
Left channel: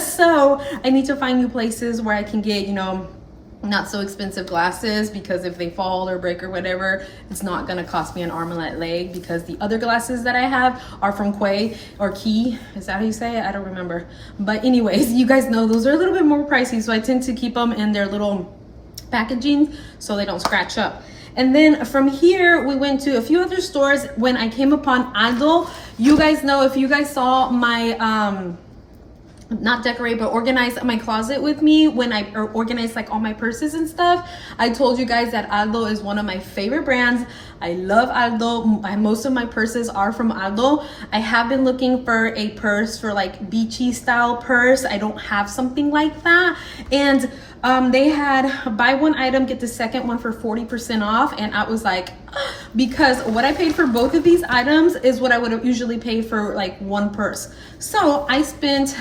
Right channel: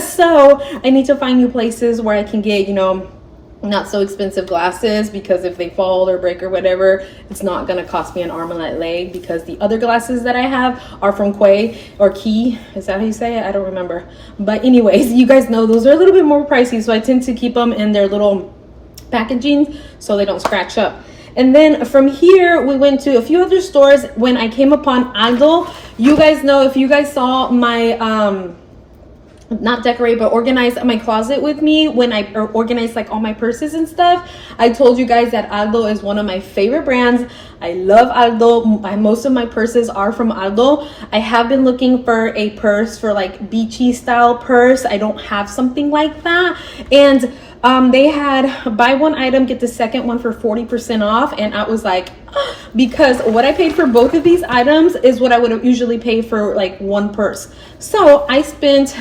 So I need to find new places where I can get, you know, not so expensive glasses, because if they fall or break or whatever, it's not gonna cost me an arm and a leg, because the other glasses that I have are from Quay or Key. Is that how you say it? I don't remember. But anyways, you guys know those are a little bit more pricey, so I tend to keep them in their little packaging so they don't scratch up. And then from here, we went to a few other stores when I came upon Aldo. You guys know, if you guys saw my, not decorate, but organize my closet with me when I organized like all my purses and stuff, I told you guys that Aldo is one of my favorite brands. I love Aldo. Most of my purses are from Aldo. I have been looking for a purse for like beachy style purse. I don't have something like that. And they had buy one item, get the second one for 40% off. And I was like, because what I paid for both of these items is what I would have usually paid for like one purse. So I spent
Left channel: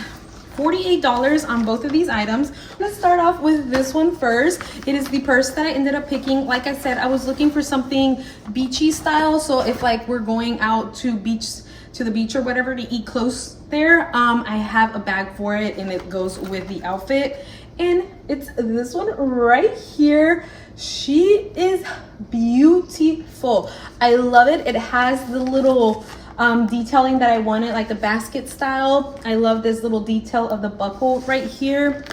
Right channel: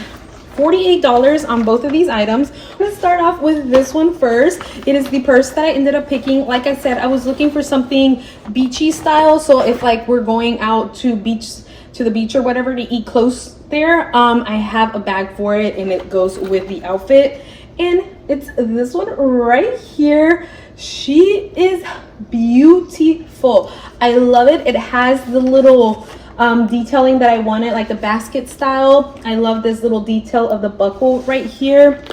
$48 on both of these items. Let's start off with this one first. It is the purse that I ended up picking. Like I said, I was looking for something beachy style. So if like we're going out to the beach or whatever to eat close there, I have a bag for it and it goes with the outfit. And it's this one right here. She is beautiful. I love it. It has the little detailing that I wanted, like the basket style. I love this little detail of the buckle right here.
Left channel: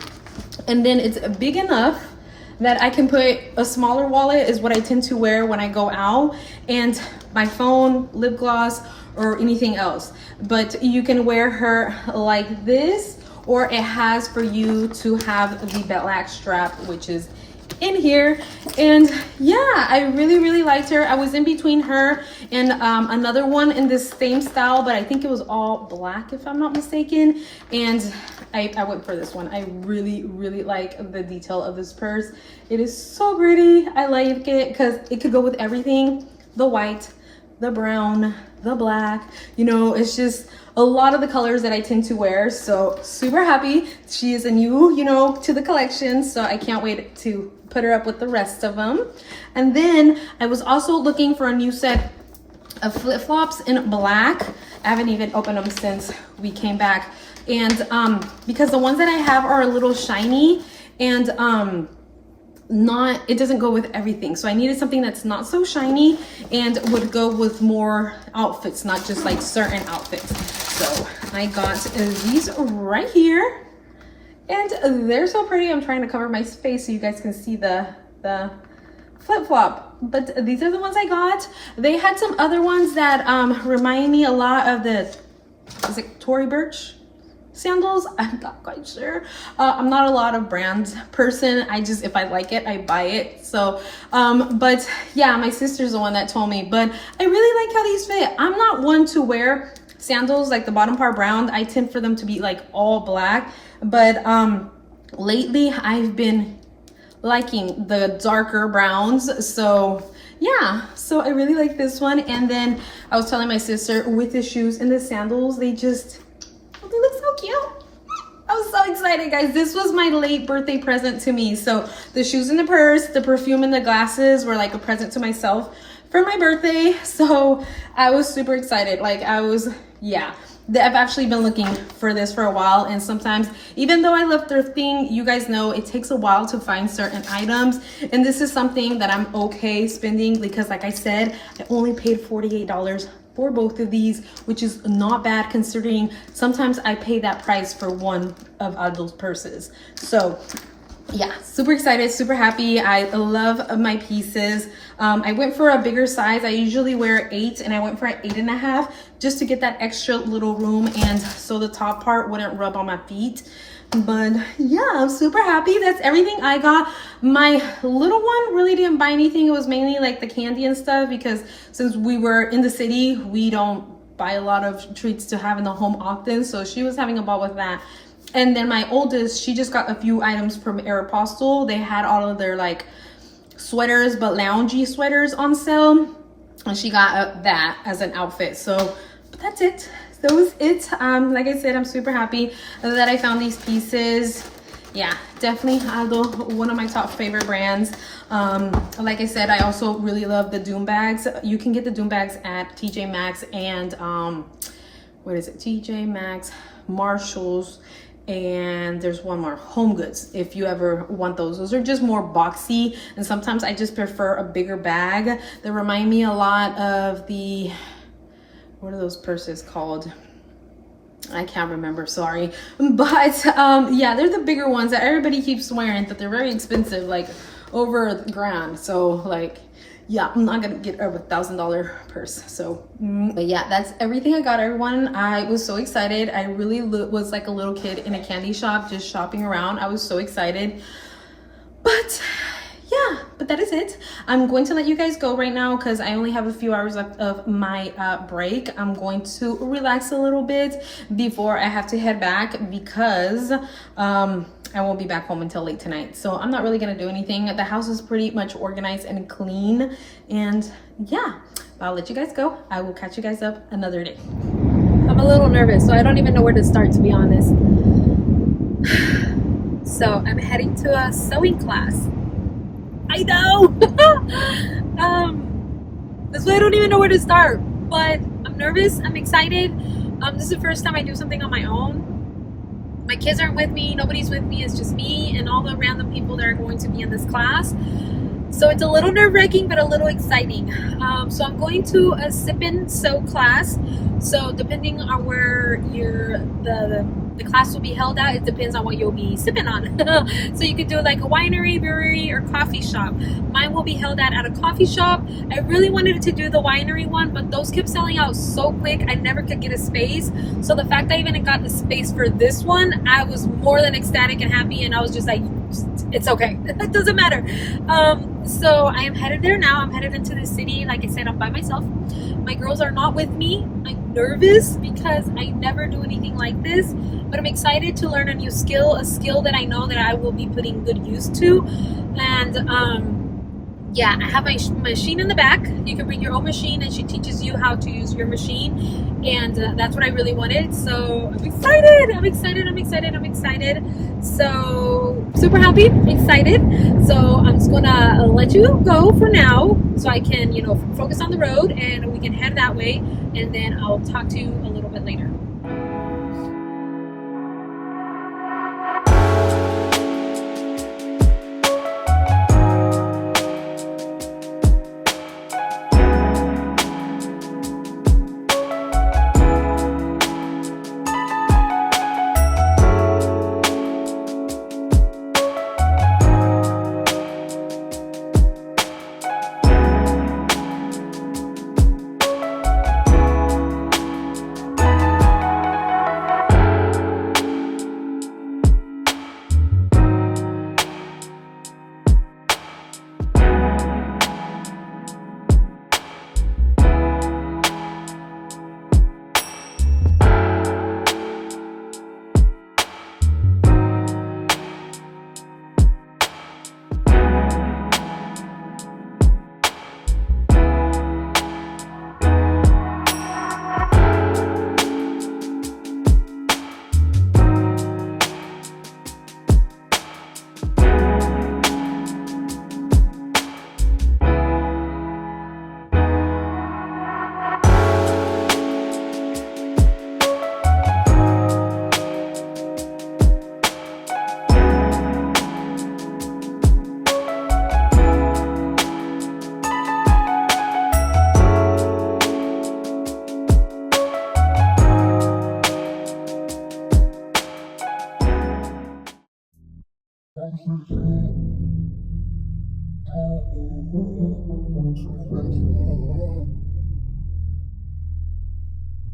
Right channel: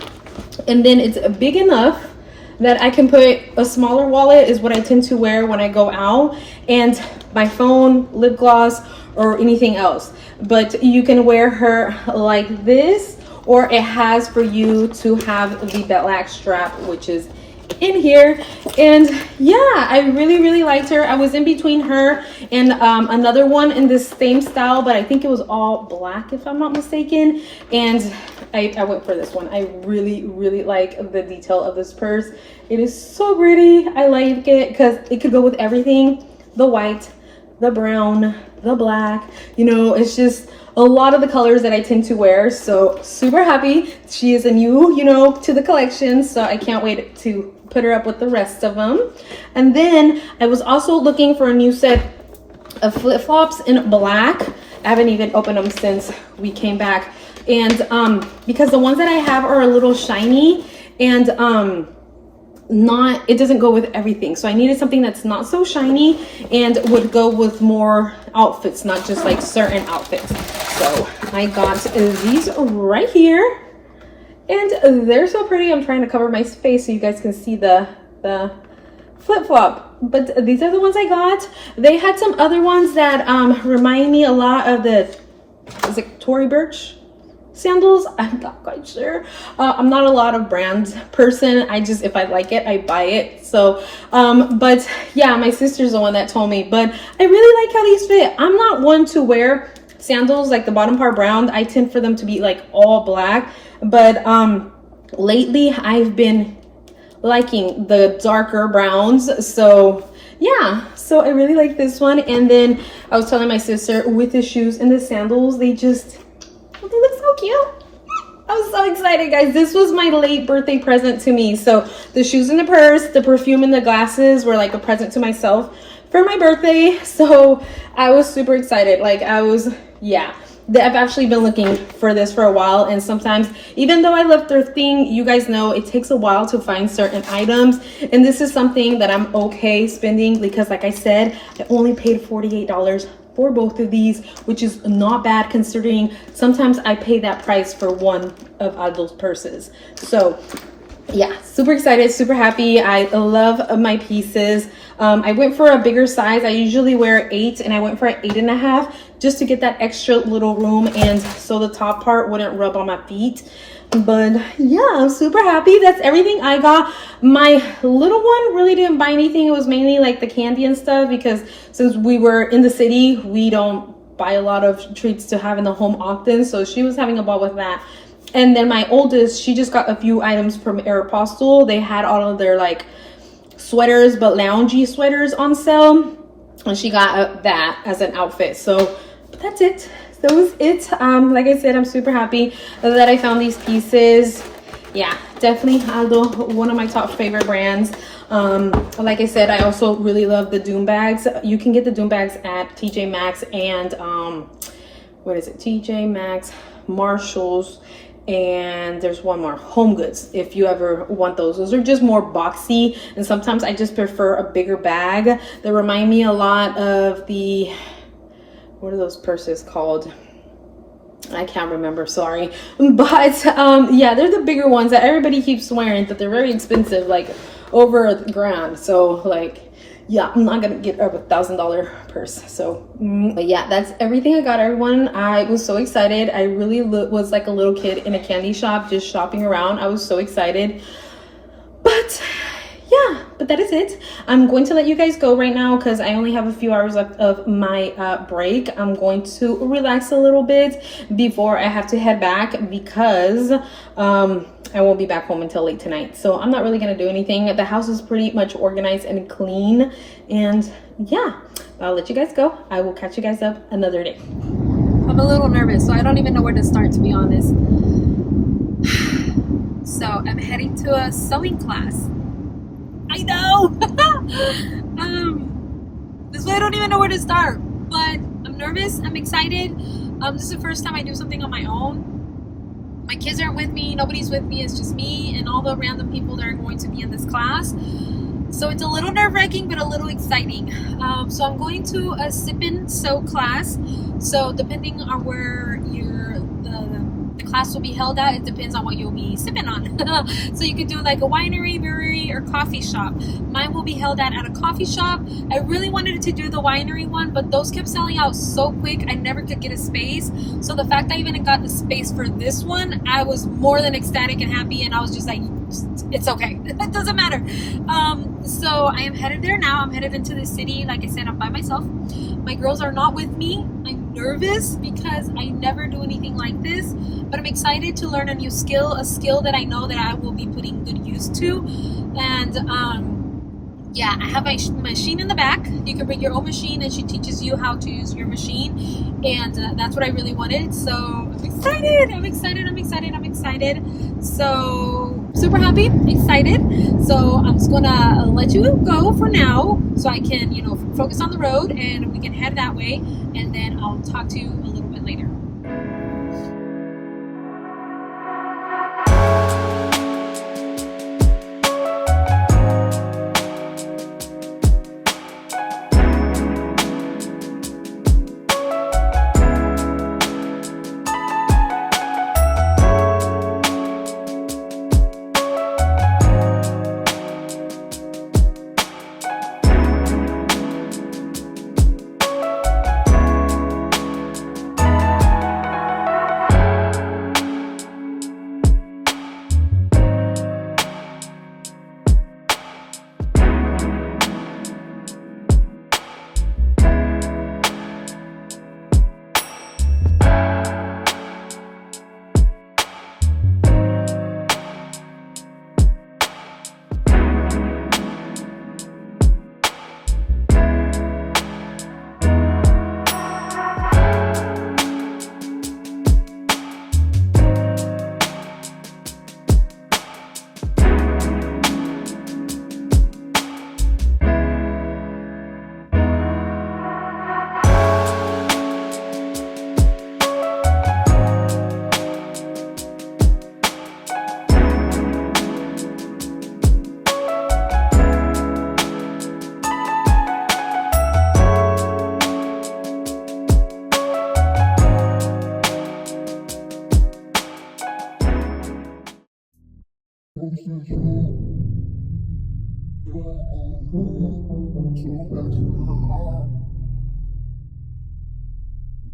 And then it's big enough that I can put a smaller wallet, is what I tend to wear when I go out, and my phone, lip gloss, or anything else. But you can wear her like this, or it has for you to have the black strap, which is in here. And yeah, I really liked her. I was in between her and another one in this same style, but I think it was all black if I'm not mistaken, and I went for this one. I really like the detail of this purse. It is so pretty. I like it because it could go with everything. The white, the brown, the black, you know, it's just a lot of the colors that I tend to wear. So super happy. She is a new, to the collection. So I can't wait to put her up with the rest of them. And then I was also looking for a new set of flip-flops in black. I haven't even opened them since we came back. And because the ones that I have are a little shiny and it doesn't go with everything. So I needed something that's not so shiny and would go with more outfits, not just like certain outfits. So I got these right here and they're so pretty. I'm trying to cover my face so you guys can see the flip-flop, but these are the ones I got. They had some other ones that remind me a lot of is it Tory Burch sandals? I'm not quite sure. I'm not a lot of brand person. If I like it, I buy it. So but yeah, my sister's the one that told me, but I really like how these fit. I'm not one to wear sandals like the bottom part brown. I tend for them to be like all black, but lately I've been liking the darker browns. So yeah, so I really like this one. And then I was telling my sister, with the shoes and the sandals, they look so cute. I was so excited, guys. This was my late birthday present to me. So the shoes and the purse, the perfume and the glasses were like a present to myself for my birthday. So I was super excited. I've actually been looking for this for a while, and sometimes, even though I love thrifting, you guys know it takes a while to find certain items, and this is something that I'm okay spending because, like I said, I only paid $48 for both of these, which is not bad considering sometimes I pay that price for one of those purses. So yeah, super excited, super happy. I love my pieces. I went for a bigger size. I usually wear 8 and I went for an 8.5 just to get that extra little room and so the top part wouldn't rub on my feet. But yeah, I'm super happy. That's everything I got. My little one really didn't buy anything. It was mainly like the candy and stuff because since we were in the city, we don't buy a lot of treats to have in the home often. So she was having a ball with that. And then my oldest, she just got a few items from Aeropostale. They had all of their like sweaters, but loungy sweaters on sale. And she got that as an outfit. So, but that's it. That was it. Like I said, I'm super happy that I found these pieces. Yeah, definitely one of my top favorite brands. Like I said, I also really love the Doom bags. You can get the Doom bags at TJ Maxx and TJ Maxx, Marshalls, and there's one more, Home Goods, if you ever want those. Those are just more boxy, and sometimes I just prefer a bigger bag. They remind me a lot of what are those purses called? I can't remember, sorry. But yeah, they're the bigger ones that everybody keeps swearing that they're very expensive, like over $1,000. So like, yeah, I'm not gonna get a $1,000 purse. So but yeah, that's everything I got, everyone. I was so excited. I really was like a little kid in a candy shop just shopping around. I was so excited. But yeah, but that is it. I'm going to let you guys go right now because I only have a few hours left of my break. I'm going to relax a little bit before I have to head back because I won't be back home until late tonight. So I'm not really gonna do anything. The house is pretty much organized and clean. And yeah, I'll let you guys go. I will catch you guys up another day. I'm a little nervous, so I don't even know where to start, to be honest. So I'm heading to a sewing class. I know. That's why I don't even know where to start. But I'm nervous. I'm excited. This is the first time I do something on my own. My kids aren't with me. Nobody's with me. It's just me and all the random people that are going to be in this class. So it's a little nerve-wracking, but a little exciting. So I'm going to a sip and sew class. So depending on where the class will be held at, it depends on what you'll be sipping on. So you could do like a winery, brewery, or coffee shop. Mine will be held at a coffee shop. I really wanted to do the winery one, but those kept selling out so quick, I never could get a space. So the fact I even got the space for this one, I was more than ecstatic and happy, and I was just like, it's okay. It doesn't matter. So I am headed there now. I'm headed into the city. Like I said, I'm by myself. My girls are not with me. I'm nervous because I never do anything like this, but I'm excited to learn a new skill, a skill that I know that I will be putting good use to. And yeah, I have my machine in the back. You can bring your own machine, and she teaches you how to use your machine. And that's what I really wanted. So I'm excited. I'm excited. I'm excited. I'm excited. So super happy, excited. So I'm just gonna let you go for now, so I can, you know, focus on the road, and we can head that way. And then I'll talk to you a little bit later.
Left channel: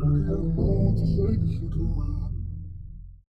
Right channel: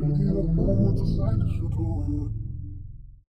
I don't know what to say 'cause you're doing